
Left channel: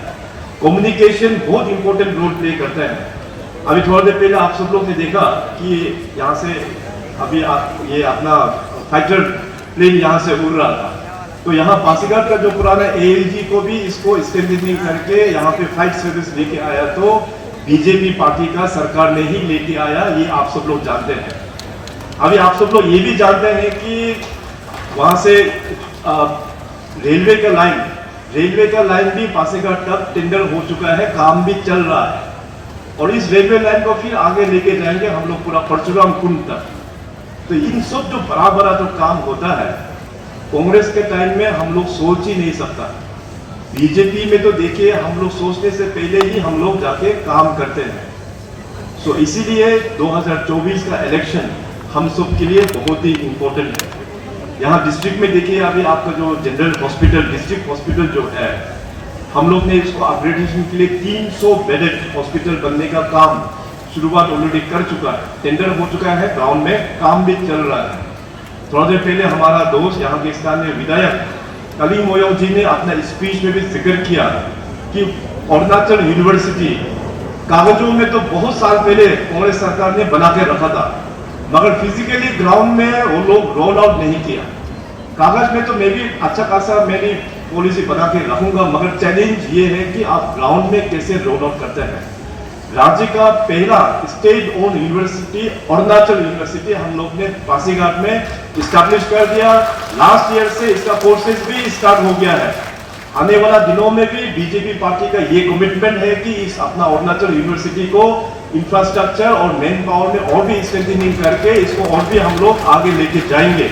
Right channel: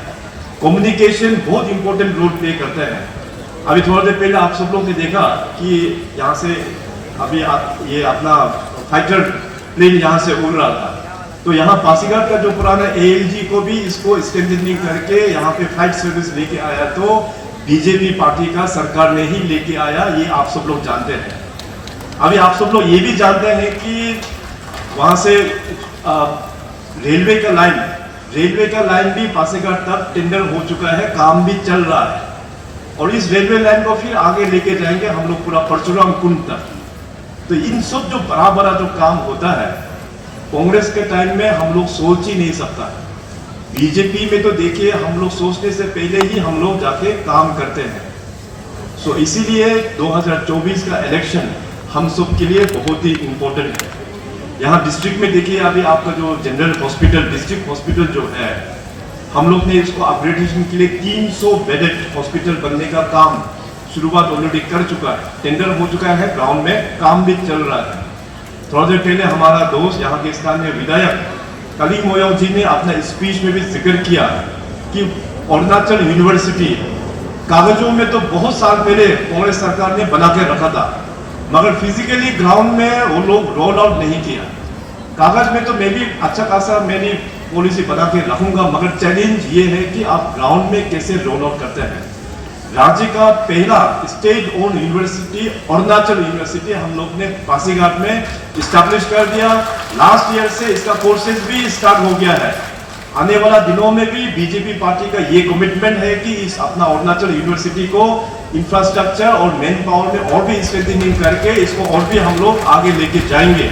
कम्युनिकेशन बहुत इंपॉर्टेंट रोल प्ले करता है। अभी थोड़ा देर पहले आप सब लोग ने देखा कि यहाँ से अभी ये अपना फाइटर प्लेन यहाँ से उड़ रहा था, तो यहाँ पासीघाट का जो पुराना एएलजी को भी इसको स्ट्रेंथनिंग करके यहाँ पे फाइट सर्विस लेके आया, तो बीजेपी पार्टी का सरकार ने ही लेके आया, ये आप सब लोग जानते हैं। अभी आप सब लोग ये भी जानते हैं कि वहां से रेलवे का लाइन भी पासीघाट तक टेंडर हो चुका है, काम भी चल रहा है। और इस रेलवे लाइन को फिर आगे लेके जाएंगे हम लोग पूरा परशुराम कुंड तक। तो इन सब जो बड़ा जो काम होता है कांग्रेस के टाइम में हम लोग सोच ही नहीं सकता। बीजेपी में तो देखिए हम लोग सोचने से पहले ही हम लोग जाके काम करते हैं। सो इसीलिए 2024 का इलेक्शन हम सब के लिए बहुत ही इंपॉर्टेंट है। यहाँ डिस्ट्रिक्ट में देखिए अभी आपका जो जनरल हॉस्पिटल, डिस्ट्रिक्ट हॉस्पिटल जो है, हम लोग ने इसको अपग्रेडेशन के लिए 300 बेडेड हॉस्पिटल बनने का काम शुरुआत ऑलरेडी कर चुका है, टेंडर हो चुका है, ग्राउंड में काम भी चल रहा है। थोड़ा देर पहले हमारा दोस्त यहाँ के स्थानीय विधायक कली मोयो जी ने अपना स्पीच में भी जिक्र किया कि अरुणाचल यूनिवर्सिटी कागजों में तो बहुत साल पहले कांग्रेस सरकार ने बना के रखा था, मगर फिजिकली ग्राउंड में वो लोग रोल आउट नहीं किया। कागज में तो मैं भी अच्छा खासा मेरी पॉलिसी बना के रखूंगा, मगर चैलेंज ये है कि आप ग्राउंड में कैसे रोल आउट करते हैं। राज्य का पहला state own university Arunachal university हम लोग ने पासीघाट में स्टैब्लिश कर दिया। लास्ट ईयर से इसका कोर्सेज भी स्टार्ट हो गया है। आने वाला दिनों में भी बीजेपी पार्टी का ये कमिटमेंट है कि इस अपना अरुणाचल यूनिवर्सिटी को इंफ्रास्ट्रक्चर और मैन पावर में और भी स्ट्रेंथनिंग करके इसको और भी हम लोग आगे लेके जाएंगे।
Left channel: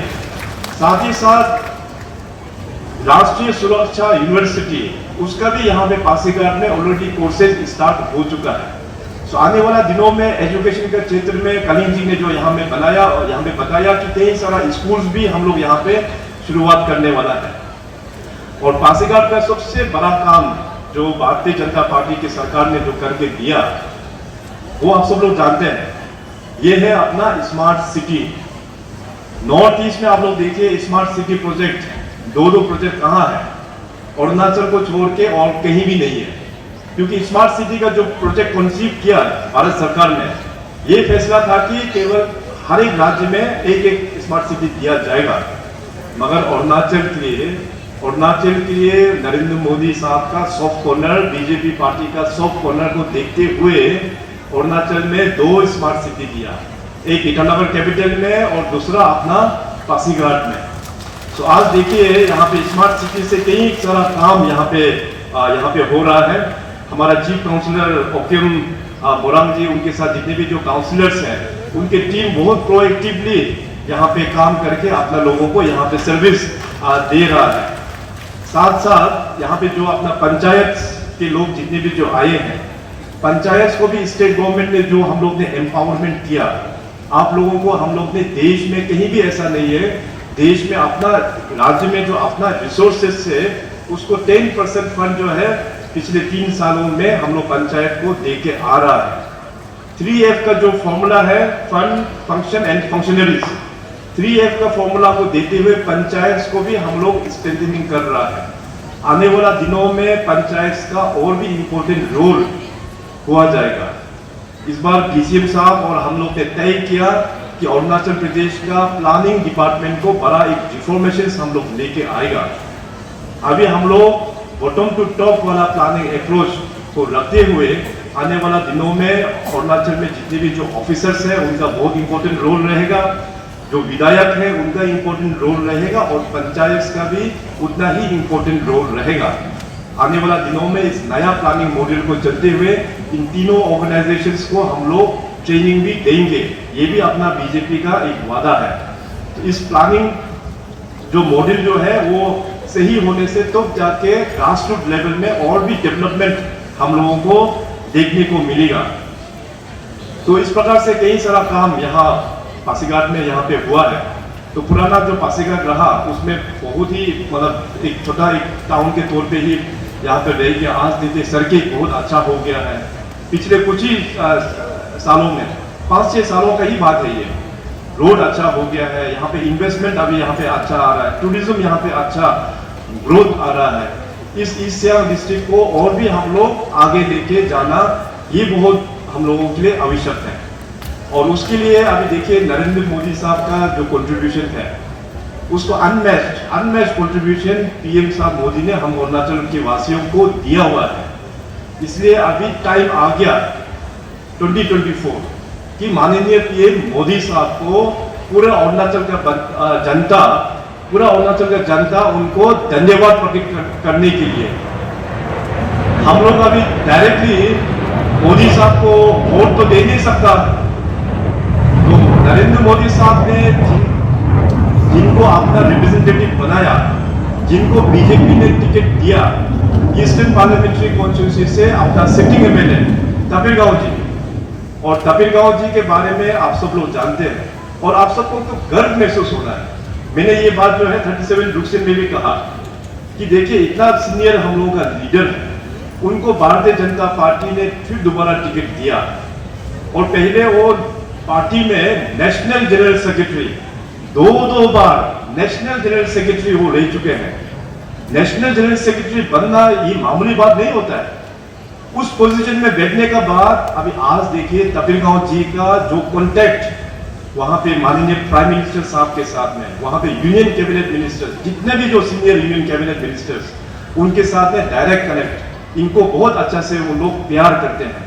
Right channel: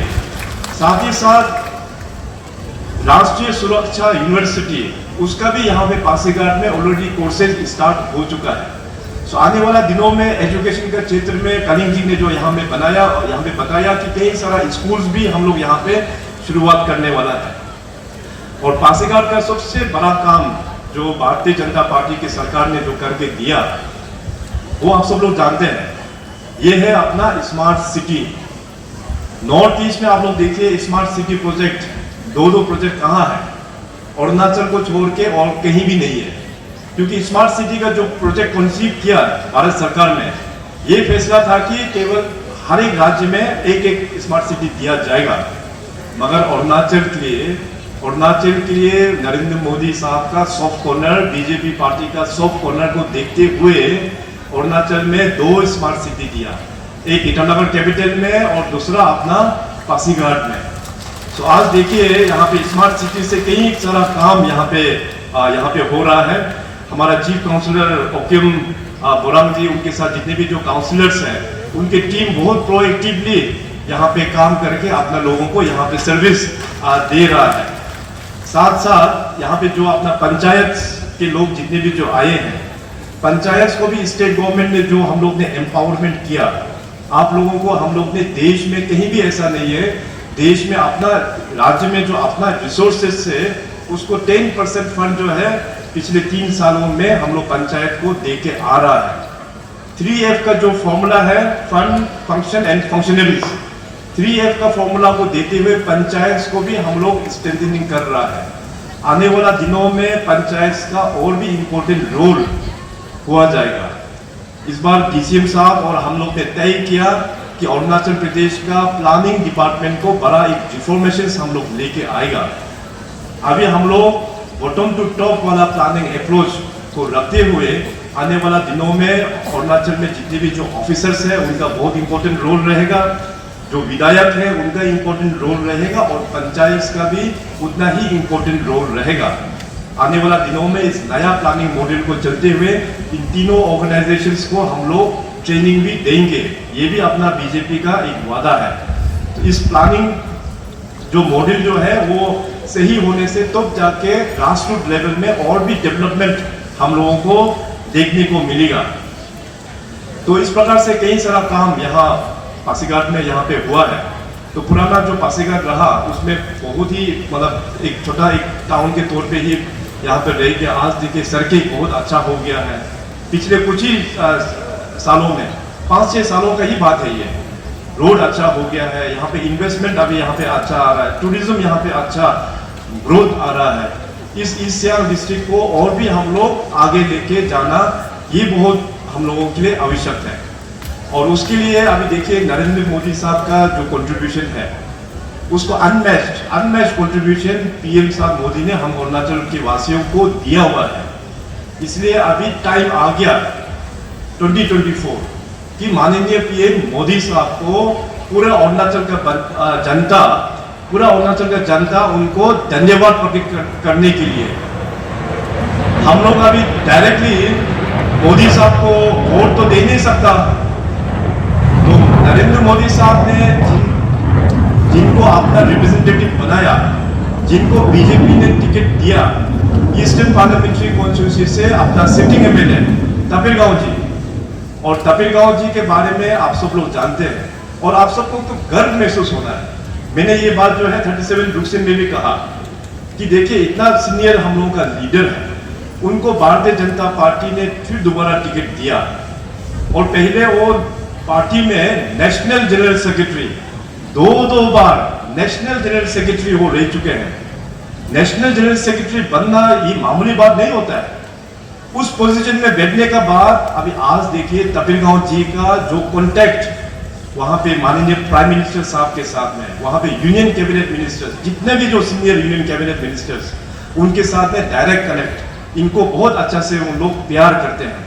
साथ ही साथ राष्ट्रीय सुरक्षा यूनिवर्सिटी उसका भी यहाँ पे पासीघाट में ऑलरेडी कोर्सेज स्टार्ट हो चुका है। सो आने वाला दिनों में एजुकेशन के क्षेत्र में कलीम जी ने जो यहाँ में बनाया और यहाँ पे बताया कि कई सारा स्कूल्स भी हम लोग यहाँ पे शुरुआत करने वाला है। और पासीघाट का सबसे बड़ा काम जो भारतीय जनता पार्टी की सरकार ने जो करके दिया वो आप सब लोग जानते हैं, ये है अपना स्मार्ट सिटी। नॉर्थ ईस्ट में आप लोग देखिए स्मार्ट सिटी प्रोजेक्ट, दो प्रोजेक्ट कहाँ है, अरुणाचल को छोड़ के और कहीं भी नहीं है। क्योंकि स्मार्ट सिटी का जो प्रोजेक्ट कंसीव किया भारत सरकार ने, ये फैसला था कि केवल हर एक राज्य में एक स्मार्ट सिटी दिया जाएगा, मगर अरुणाचल के लिए नरेंद्र मोदी साहब का सॉफ्ट कॉर्नर, बीजेपी पार्टी का सॉफ्ट कॉर्नर को देखते हुए अरुणाचल में 2 स्मार्ट सिटी दिया, एक ईटानगर कैपिटल में और दूसरा अपना पासीघाट में। तो आज देखिए यहाँ पे स्मार्ट सिटी से कई सारा काम यहाँ पे हो रहा है। हमारा चीफ काउंसलर ओकिम बोरांग जी, उनके साथ जितने भी जो काउंसलर्स हैं, उनके टीम बहुत प्रोएक्टिवली यहाँ पे काम करके अपना लोगों को यहाँ पे सर्विस दे रहा है। साथ साथ यहाँ पे जो अपना पंचायत के लोग जितने भी जो आए हैं, पंचायत को भी स्टेट गवर्नमेंट ने जो हम लोग ने एम्पावरमेंट किया, आप लोगों को हम लोग ने देश में कहीं भी ऐसा नहीं है, देश में अपना राज्य में जो अपना रिसोर्सेज से उसको 10% फंड जो है पिछले 3 सालों में हम लोग पंचायत को दे के आ रहा है। 3F का जो फॉर्मूला है, fund, function and functionaries, 3F का फॉर्मूला को देते हुए पंचायत को भी हम लोग स्ट्रेंथनिंग कर रहा है। आने वाला दिनों में पंचायत का और भी इम्पोर्टेंट रोल हुआ जाएगा। इस बार DCM साहब और हम लोग ने तय किया कि अरुणाचल प्रदेश का प्लानिंग डिपार्टमेंट को बड़ा एक रिफॉर्मेशन हम लोग लेके आएगा। अभी हम लोग बॉटम टू टॉप वाला प्लानिंग अप्रोच को रखते हुए आने वाला दिनों में अरुणाचल में जितने भी जो ऑफिसर्स हैं उनका बहुत इंपॉर्टेंट रोल रहेगा, जो विधायक है उनका इंपॉर्टेंट रोल रहेगा और पंचायत का भी उतना ही इंपॉर्टेंट रोल रहेगा। आने वाला दिनों में इस नया प्लानिंग मॉडल को चलते हुए इन तीनों ऑर्गेनाइजेशंस को हम लोग ट्रेनिंग भी देंगे। ये भी अपना बीजेपी का एक वादा है। तो इस प्लानिंग जो मॉडल जो है वो सही होने से तो जाके ग्रासरूट लेवल में और भी डेवलपमेंट हम लोगों को देखने को मिलेगा। तो इस प्रकार से कई सारा काम यहाँ पासीघाट में यहाँ पे हुआ है। तो पुराना जो पासीघाट रहा उसमें बहुत ही मतलब एक छोटा एक टाउन के तौर पे ही यहाँ पे रह गया। आज देखिए सड़कें बहुत अच्छा हो गया है। पिछले कुछ ही सालों में 5-6 सालों का ही बात है, ये रोड अच्छा हो गया है। यहाँ पे इन्वेस्टमेंट अभी यहाँ पे अच्छा आ रहा है, टूरिज्म यहाँ पे अच्छा ग्रोथ आ रहा है। इस ईस्ट सियांग डिस्ट्रिक्ट को और भी हम लोग आगे लेके जाना ये बहुत हम लोगों के लिए आवश्यक है। और उसके लिए अभी देखिए नरेंद्र मोदी साहब का जो कंट्रीब्यूशन है उसको अनमैच्ड कंट्रीब्यूशन PM साहब मोदी ने हम अरुणाचल के वासियों को दिया हुआ है। इसलिए अभी टाइम आ गया 2024 कि माननीय PM मोदी साहब को पूरे अरुणाचल का जनता उनको धन्यवाद प्रकट करने के लिए हम लोग अभी डायरेक्टली मोदी साहब को वोट तो दे नहीं सकता। तो नरेंद्र मोदी साहब ने जिनको अपना रिप्रेजेंटेटिव बनाया, जिनको बीजेपी ने टिकट दिया, ईस्टर्न पार्लियामेंट्री कॉन्स्टिट्यूंसी से अपना सिटिंग MLA तपिरगांव जी, और तपिरगांव जी के बारे में आप सब लोग जानते हैं और आप सबको तो गर्व महसूस होना है। मैंने ये बात जो है 37 रुक्सिन में भी कहा कि देखिए इतना सीनियर हम लोगों का लीडर है, उनको भारतीय जनता पार्टी ने फिर दोबारा टिकट दिया और पहले वो पार्टी में नेशनल जनरल सेक्रेटरी दो बार नेशनल जनरल सेक्रेटरी वो रह चुके हैं। नेशनल जनरल सेक्रेटरी बनना ये मामूली बात नहीं होता है। उस पोजीशन में बैठने का बाद अभी आज देखिए तपिरगांव जी का जो कॉन्टेक्ट वहां पे माननीय प्राइम मिनिस्टर साहब के साथ में, वहां पे यूनियन कैबिनेट मिनिस्टर्स, जितने भी जो सीनियर यूनियन कैबिनेट मिनिस्टर्स, उनके साथ में डायरेक्ट कनेक्ट, इनको बहुत अच्छा से वो लोग प्यार करते हैं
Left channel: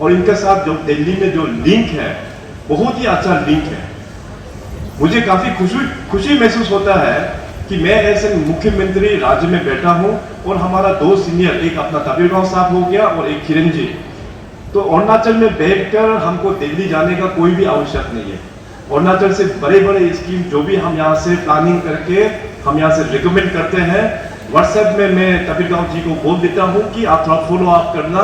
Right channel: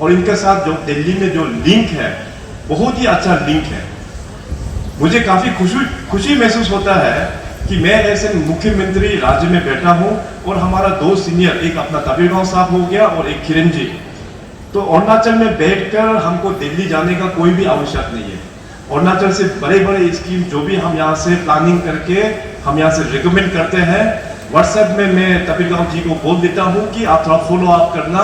और इनके साथ जो दिल्ली में जो लिंक है बहुत ही अच्छा लिंक है। मुझे काफी खुशी महसूस होता है कि मैं ऐसे मुख्यमंत्री राज्य में बैठा हूं और हमारा 2 सीनियर, एक अपना तपिरगांव साहब हो गया और एक किरण जी, तो अरुणाचल में बैठकर हमको दिल्ली जाने का कोई भी आवश्यक नहीं है। अरुणाचल से बड़े स्कीम जो भी हम यहाँ से प्लानिंग करके हम यहाँ से रिकमेंड करते हैं, व्हाट्सएप में मैं तपिरगांव जी को बोल देता हूँ कि आप थोड़ा फॉलो अप करना।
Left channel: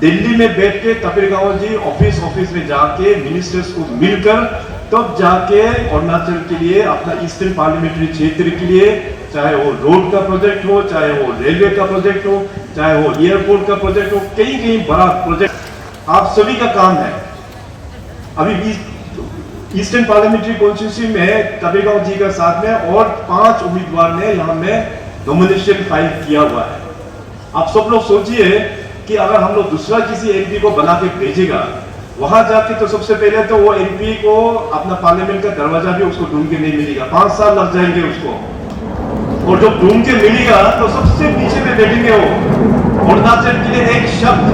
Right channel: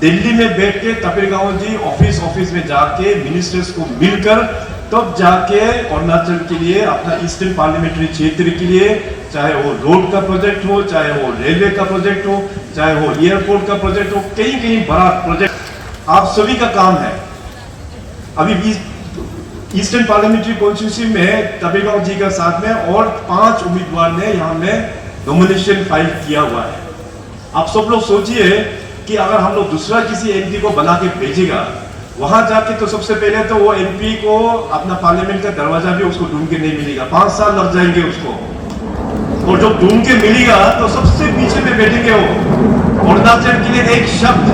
दिल्ली में बैठ के तपिरगांव जी ऑफिस में जाके मिनिस्टर्स को मिलकर तब जाके अरुणाचल के लिए अपना ईस्टर्न पार्लियामेंट्री क्षेत्र के लिए, चाहे वो रोड का प्रोजेक्ट हो, चाहे वो रेलवे का प्रोजेक्ट हो, चाहे वो एयरपोर्ट का प्रोजेक्ट हो, कहीं बड़ा प्रोजेक्ट आप सभी का काम है। अभी ईस्टर्न पार्लियामेंट्री कॉन्स्टिट्यूंसी में तपिरगांव जी का साथ में और 5 उम्मीदवार ने यहाँ में नॉमिनेशन फाइल किया हुआ है। आप सब लोग सोचिए कि अगर हम लोग दूसरा किसी MP को बना के भेजेगा वहां जाके, तो सबसे पहले तो वो MP को अपना पार्लियामेंट का दरवाजा भी उसको ढूंढ के नहीं मिलेगा, 5 साल लग जाएंगे उसको। और जब ढूंढ के मिलेगा तो सबसे पीछे में बैठेंगे वो। अरुणाचल के लिए एक शब्द,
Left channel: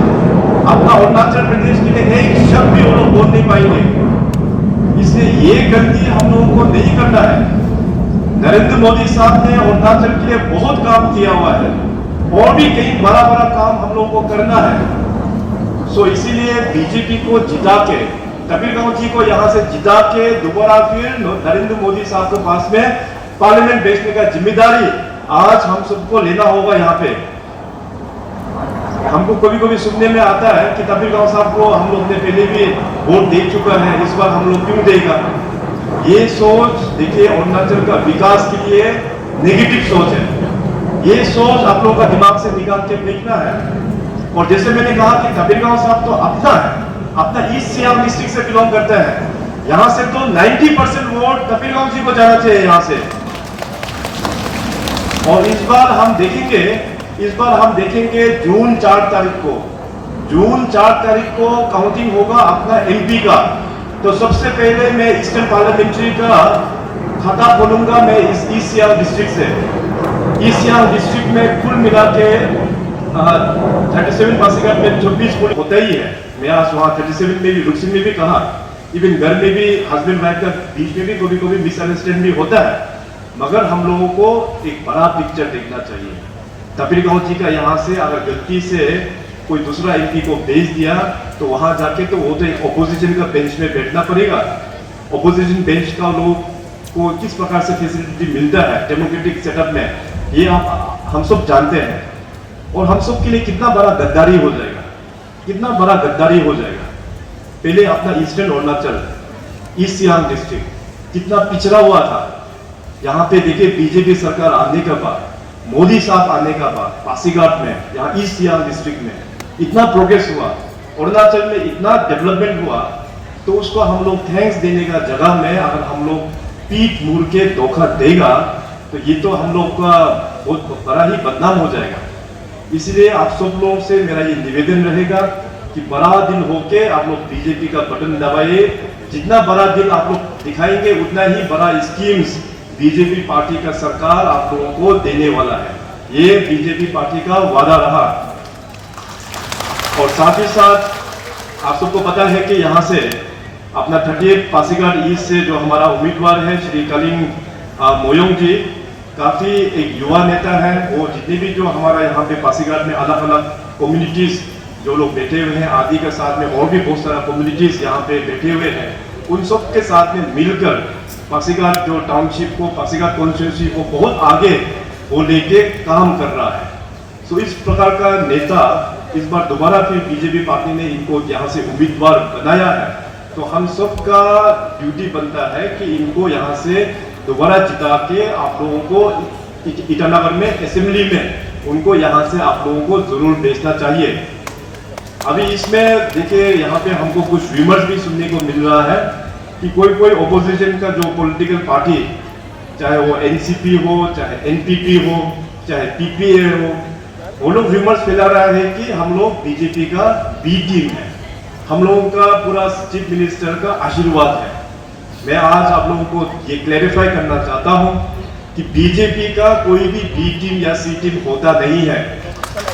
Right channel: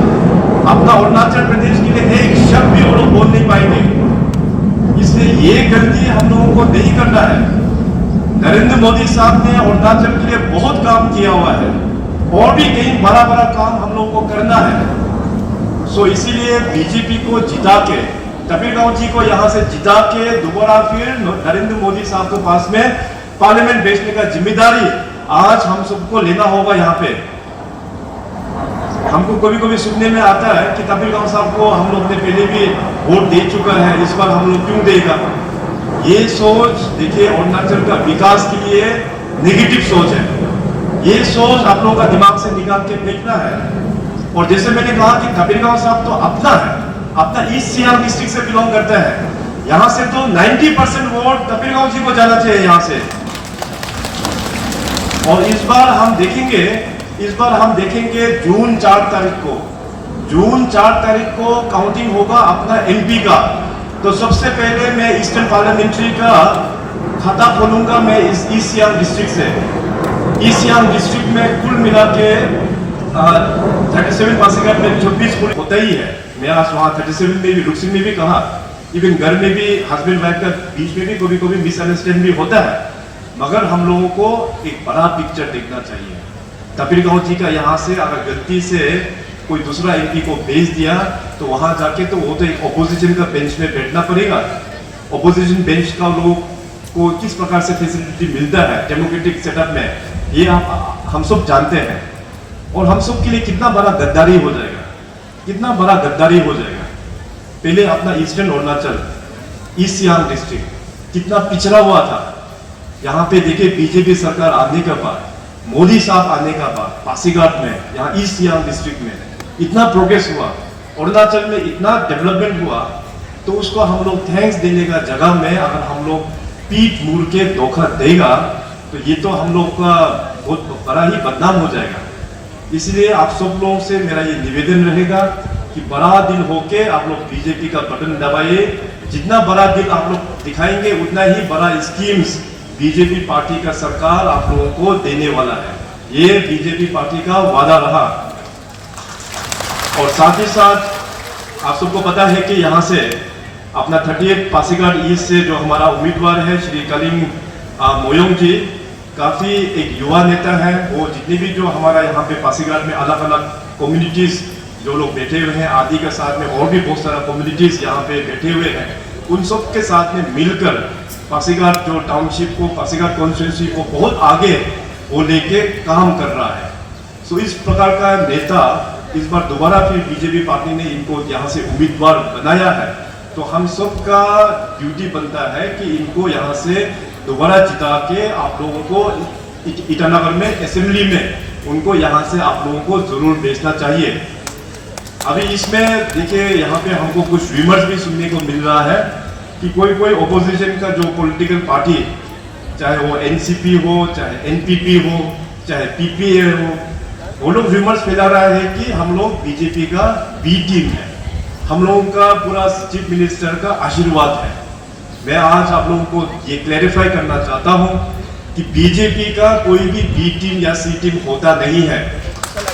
अपना अरुणाचल प्रदेश के लिए एक शब्द भी वो लोग बोल नहीं पाएंगे। इसलिए ये गलती हम लोगों को नहीं करना है। नरेंद्र मोदी साहब ने अरुणाचल के लिए बहुत काम किया हुआ है और भी कई बड़ा बड़ा काम हम लोगों को करना है। सो इसीलिए बीजेपी को जिता के, कबीरगांव जी को यहां से जिता के दोबारा फिर नरेंद्र मोदी साहब के पास में पार्लियामेंट भेजने का जिम्मेदारी आज हम सबको लेना होगा। यहाँ पे हमको कभी कभी सुनने में आता है कि कबीरगांव साहब को हम लोग ने पहले भी वोट दे चुका है, इस बार हम लोग क्यों देगा। ये सोच देखिए अरुणाचल का विकास के लिए नेगेटिव सोच है। ये सोच आप लोगों का दिमाग से निकाल के फेंकना है। और जैसे मैंने कहा कि कबीरगांव साहब तो अपना है, अपना ईस्ट सियांग डिस्ट्रिक्ट से बिलोंग करता है। यहाँ से तो 90% वोट कबीरगांव जी को जाना चाहिए यहाँ से। और इस बार हम देखेंगे जून 4 तारीख को काउंटिंग होगा अपना एमपी का। तो सबसे पहले मैं ईस्टर्न पार्लियामेंट्री का खाता खोलूंगा मैं इस ईस्ट सियांग डिस्ट्रिक्ट से। ईस्ट सियांग डिस्ट्रिक्ट में कुल मिला के 37 पासीघाट में 24 वोट होता ही है। मैं आज वहाँ 37 में भी रुकसिंग में भी कहा, इवन घर में भी हस्बैंड वाइफ का बीच में भी कभी कभी मिसअंडरस्टैंड भी होता है। मगर हम लोगों को एक बड़ा पिक्चर देखना चाहिए। कबीरगांव जी का यहाँ से अगर गलती से कोई दूसरा एमपी को भेज दिया तो वहां जाके तो वो तो एक ऑपोजिशन का बेंच में बैठना पड़ेगा। ऑपोजिशन बेंच का लोग को किस प्रकार से फैसिलिटी मिलता है डेमोक्रेटिक सेटअप में, ये हम सब जानते हैं। और हम सब के लिए कितना बड़ा गद्दारी हो जाएगा, पहले अपना eastern Arunachal, east Siang district कितना पिछड़ा हुआ था। यहाँ पे देखिए बीजेपी सरकार आने के बाद, मोदी साहब आने का बाद पासीघाट में, यहाँ ईस्ट सियांग डिस्ट्रिक्ट में इतना प्रोग्रेस हुआ, अरुणाचल में इतना डेवलपमेंट हुआ। तो उसको हम लोग थैंक्स देने का जगह में अगर हम लोग पीठ मुड़ के धोखा देगा तो ये तो हम लोग का बहुत बड़ा ही बदनाम हो जाएगा। इसलिए आप सब लोगों से मेरा ये निवेदन रहेगा कि बड़ा दिल होके आप लोग बीजेपी का बटन दबाइए। जितना बड़ा दिल आप लोग दिखाएंगे उतना ही बड़ा स्कीम्स बीजेपी पार्टी का सरकार आप लोगों को देने वाला है। ये बीजेपी पार्टी का वादा रहा। और साथ ही साथ आप सबको पता है कि यहाँ से अपना 38 पासीघाट ईस्ट से जो हमारा उम्मीदवार है श्री कलिंग मोयोंग जी, काफी एक युवा नेता है। वो जितने भी जो हमारा यहाँ पे पासीघाट में अलग अलग कम्युनिटीज जो लोग बैठे हुए हैं, आदि के साथ में और भी बहुत सारा कम्युनिटीज यहाँ पे बैठे हुए हैं, उन सब के साथ में मिलकर पासीघाट जो टाउनशिप को, पासीघाट कॉन्स्टिट्यूंसी को बहुत आगे वो लेके काम कर रहा है। सो इस प्रकार का नेता इस बार दोबारा फिर बीजेपी पार्टी ने इनको यहाँ से उम्मीदवार बनाया है। तो हम सब का ड्यूटी बनता है कि इनको यहाँ से दोबारा जिता के आप लोगों को ईटानगर में असेंबली में उनको यहाँ से आप लोगों को जरूर भेजना चाहिए। अभी इसमें देखिए यहाँ पे हमको कुछ रिमर्स भी सुनने को मिल रहा है कि कोई ऑपोजिशन का जो पॉलिटिकल पार्टी, चाहे वो एनसीपी हो, चाहे एनपीपी हो, चाहे पीपीए हो, वो लोग रिमर्स फैला रहा है कि हम लोग बीजेपी का बी टीम है, हम लोगों का पूरा चीफ मिनिस्टर का आशीर्वाद है। मैं आज आप लोगों को ये क्लैरिफाई करना चाहता हूँ कि बीजेपी का कोई भी बी टीम या सी टीम होता नहीं है।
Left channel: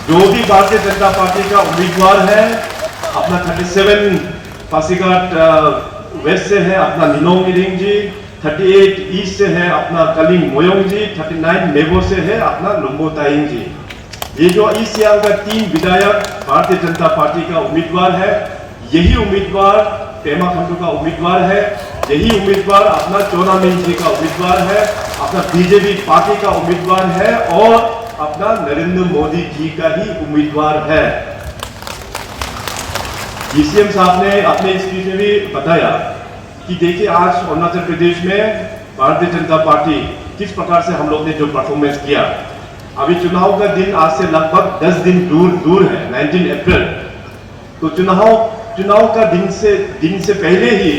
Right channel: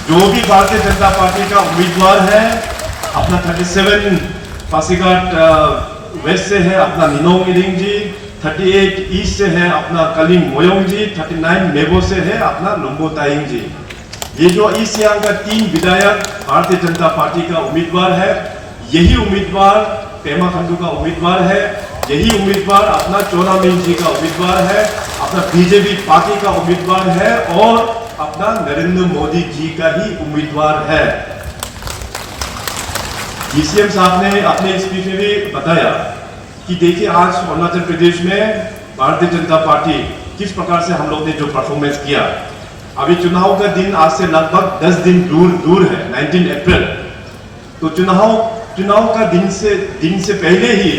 जो भी भारतीय जनता पार्टी का उम्मीदवार है, अपना 37 पासीघाट वेस्ट से है अपना निनोंग इरिंग जी, 38 ईस्ट से है अपना कलिंग मोयोंग जी, 39 मेबो से है अपना लुम्बो तायिंग जी। ये जो ईस्ट सियांग का 3 विधायक भारतीय जनता पार्टी का उम्मीदवार है, यही उम्मीदवार पेमा खांडू का उम्मीदवार है, यही उम्मीदवार अपना चोना मिंग जी का उम्मीदवार है, अपना बीजेपी पार्टी का उम्मीदवार है और अपना नरेंद्र मोदी जी का ही उम्मीदवार है। डीसीएम साहब ने अपने स्पीच में भी बताया कि देखिए आज अरुणाचल प्रदेश में भारतीय जनता पार्टी किस प्रकार से हम लोग ने जो परफॉर्मेंस किया। अभी चुनाव का दिन आज से लगभग 10 दिन दूर है, 19 अप्रैल। तो चुनाव का दिन से पहले ही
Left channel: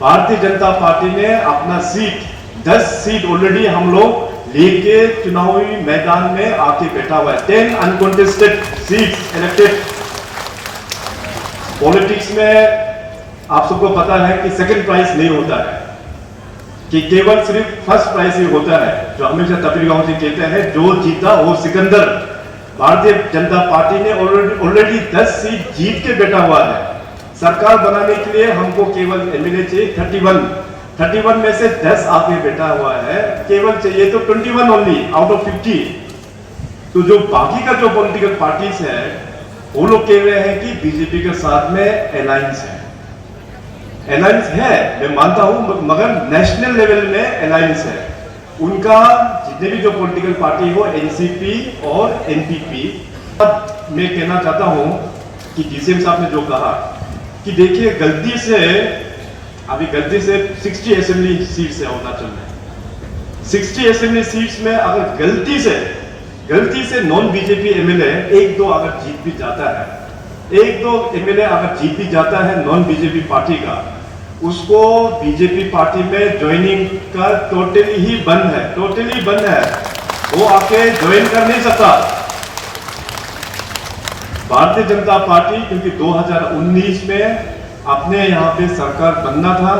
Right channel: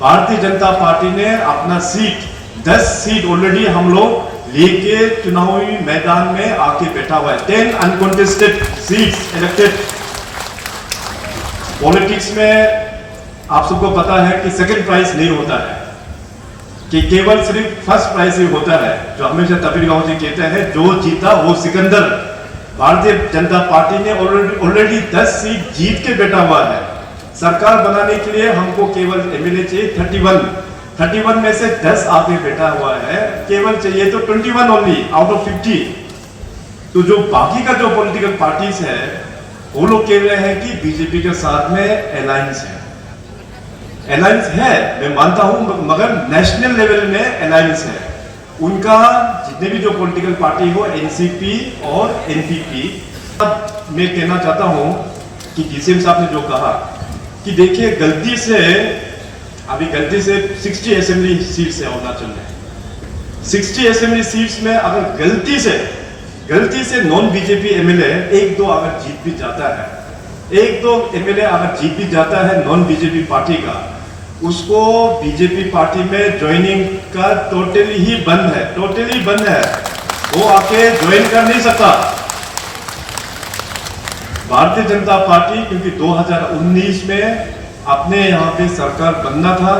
भारतीय जनता पार्टी ने अपना 10 सीट ऑलरेडी हम लोग लेके चुनावी मैदान में आके बैठा हुआ है। 10 अनकॉन्टेस्टेड सीट्स इलेक्टेड। पॉलिटिक्स में आप सबको पता है कि सेकंड प्राइज नहीं होता है, कि केवल सिर्फ फर्स्ट प्राइज ही होता है। जो हमेशा कबीरगांव जी कहते हैं, जो जीता वो सिकंदर। भारतीय जनता पार्टी ने ऑलरेडी 10 सीट जीत के बैठा हुआ है। सरकार बनाने के लिए हमको केवल एमएलए चाहिए 31 में से 10 आपने बैठा हुआ है, केवल चाहिए तो 21 ओनली आउट ऑफ 50। तो जो बाकी का जो पॉलिटिकल पार्टीज है वो लोग कह रहे हैं कि बीजेपी के साथ में अलायंस है। अलायंस है, मैं मानता हूं, मगर नेशनल लेवल में अलायंस है। उनका जितने भी जो पॉलिटिकल पार्टी हो, एनसीपी और एनपीपी। मैं कहना चाहता हूं कि डीसीएम साहब ने जो कहा कि देखिए गलती से 60 असेंबली सीट्स है अरुणाचल में। 60 असेंबली सीट्स में अगर गलती से नॉन बीजेपी एमएलए एक दो अगर जीत भी जाता है, एक दो एमएलए अगर जीत भी जाता है नॉन बीजेपी पार्टी का, उसको बीजेपी पार्टी में ज्वाइनिंग का टोटली ही बंद है। वो आके ज्वाइन कर नहीं सकता। भारतीय जनता पार्टी, क्योंकि 2019 में अपने यहाँ पे सरकार बनना था,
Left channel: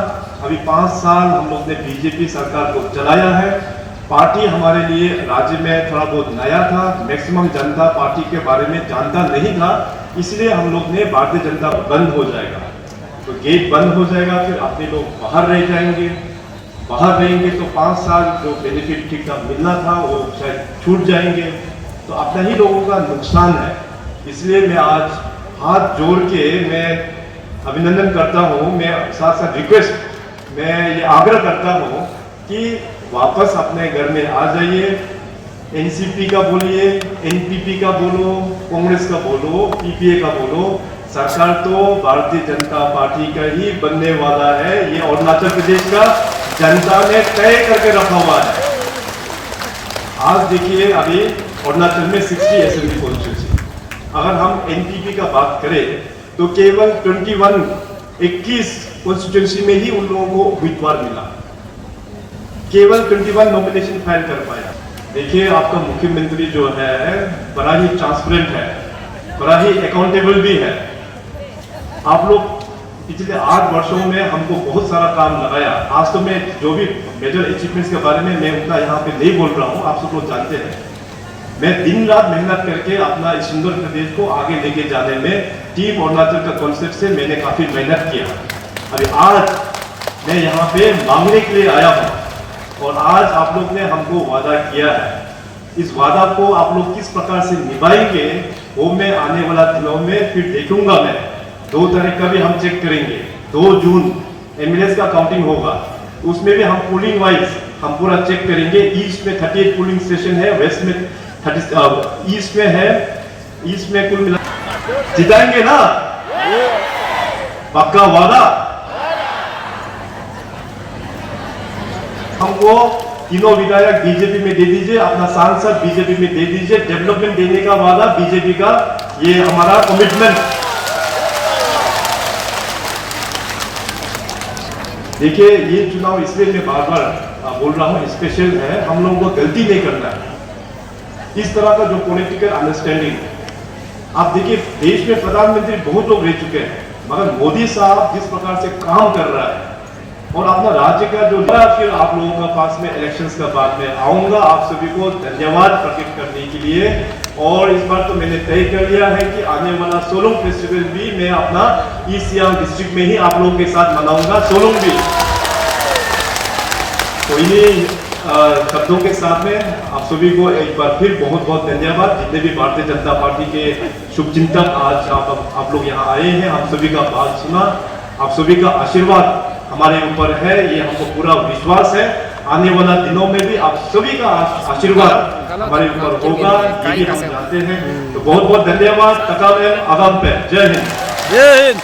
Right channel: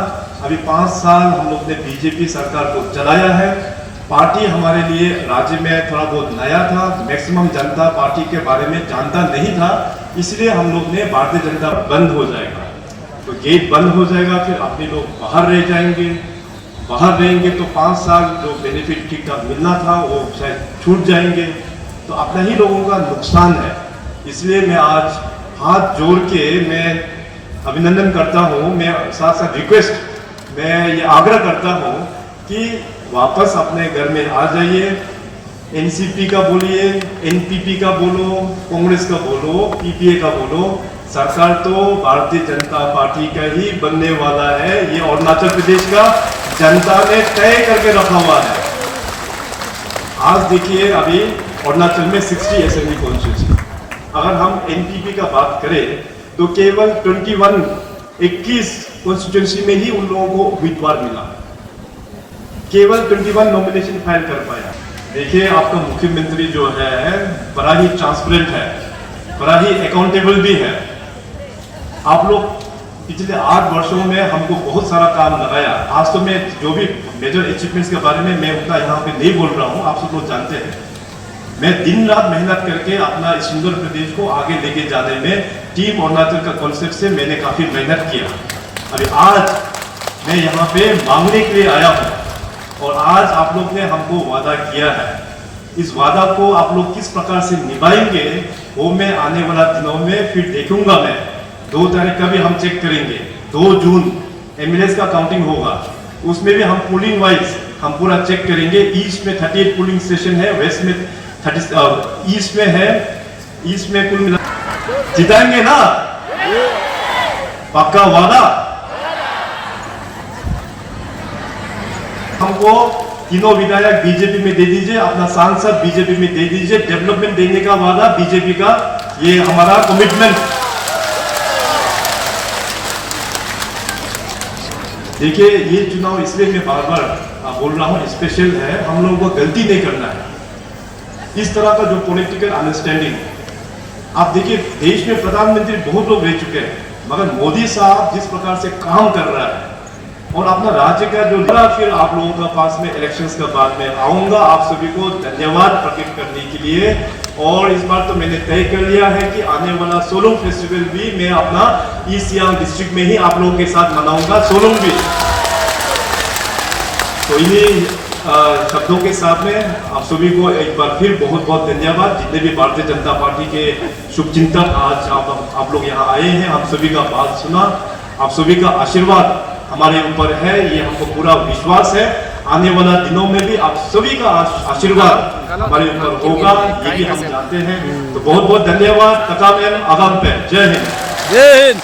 अभी 5 साल हम लोग ने बीजेपी सरकार को चलाया है। पार्टी हमारे लिए राज्य में थोड़ा बहुत नया था, मैक्सिमम जनता पार्टी के बारे में जानता नहीं था, इसलिए हम लोग ने भारतीय जनता बंद हो जाएगा तो गेट बंद हो जाएगा, फिर अपने लोग बाहर रह जाएंगे। बाहर रहेंगे तो 5 साल जो बेनिफिट ठीक ठाक मिलना था वो शायद छूट जाएंगे, तो अपना ही लोगों का नुकसान है। इसलिए मैं आज हाथ जोड़ के मैं अभिनंदन करता हूँ, मैं साथ साथ रिक्वेस्ट, मैं ये आग्रह करता हूँ कि वापस अपने घर में आ जाइए। एनसीपी का बोलिए, एनपीपी का बोलो, कांग्रेस का बोलो, पीपीए का बोलो, सरकार तो भारतीय जनता पार्टी का ही बनने वाला है। ये अरुणाचल प्रदेश का जनता ने तय करके रखा हुआ है। आज देखिए अभी अरुणाचल में 60 असेंबली कॉन्स्टिट्यूंसी, अगर हम एनपीपी का बात करें तो केवल 21 कॉन्स्टिट्यूंसी में ही उन लोगों को उम्मीदवार मिला, केवल 21 नॉमिनेशन फाइल कर पाया। देखिए आपका मुख्यमंत्री जो है बड़ा ही ट्रांसपेरेंट है, बड़ा ही अकाउंटेबल भी है। आप लोग पिछले 8 वर्षों में हमको बहुत सारा काम लगाया। आज तो मैं जो भी मेजर अचीवमेंट्स के बारे में मैं उतना यहाँ पे नहीं बोल रहा हूँ, आप सब लोग जानते हैं। मैं दिन रात मेहनत करके अपना इस सुंदर प्रदेश को आगे लेके जाने में टीम अरुणाचल का कॉन्सेप्ट से मैंने काफी मेहनत किया। अभी आज मैं यहाँ पे मांगने के लिए आया हूँ और आज आप लोग ने हमको वादा किया है। इस वादा को आप लोग किस प्रकार से निभाएंगे वो मैं आने वाला दिनों में फिर देखूंगा। मैं 2 तारीख का भी हम चेक करेंगे, 2 जून एमएलएस का काउंटिंग होगा, उसमें भी हम पोलिंग वाइज हम पूरा चेक करेंगे। ईस्ट में 38 पोलिंग स्टेशन है, वेस्ट में 30, ईस्ट में है, ईस्ट में कुल मिला जिताएंगे ना, पक्का वादा। हमको तीनों विधायक बीजेपी में दे दीजिए, अपना सांसद बीजेपी में दे दीजिए, डेवलपमेंट देने का वादा बीजेपी का, ये हमारा कमिटमेंट। देखिए ये चुनाव इसलिए मैं बार बार बोल रहा हूँ स्पेशल है, हम लोगों को गलती नहीं करना है। इस तरह का जो पॉलिटिकल अंडरस्टैंडिंग, आप देखिए देश में प्रधानमंत्री बहुत लोग रह चुके हैं, मगर मोदी साहब जिस प्रकार से काम कर रहा है और अपना राज्य का जो फिर आप लोगों के पास में इलेक्शंस का बाद में आऊंगा आप सभी को धन्यवाद प्रकट करने के लिए। और इस बार तो मैंने तय कर लिया है कि आने वाला सोलंग फेस्टिवल भी मैं अपना ईस्ट सियांग डिस्ट्रिक्ट में ही आप लोगों के साथ मनाऊंगा, सोलंग भी। तो इन्हीं शब्दों के साथ में आप सभी को एक बार फिर बहुत बहुत धन्यवाद। जितने भी भारतीय जनता पार्टी के शुभचिंतक आज आप लोग यहाँ आए हैं, हम सभी का बात सुना, आप सभी का आशीर्वाद हमारे ऊपर है, ये हमको पूरा विश्वास है। आने वाला दिनों में भी आप सभी का आशीर्वाद हमारे ऊपर होगा, ये भी हम जानते हैं। तो बहुत बहुत धन्यवाद। तकामेन आगाम पे, जय हिंद। जय हिंद।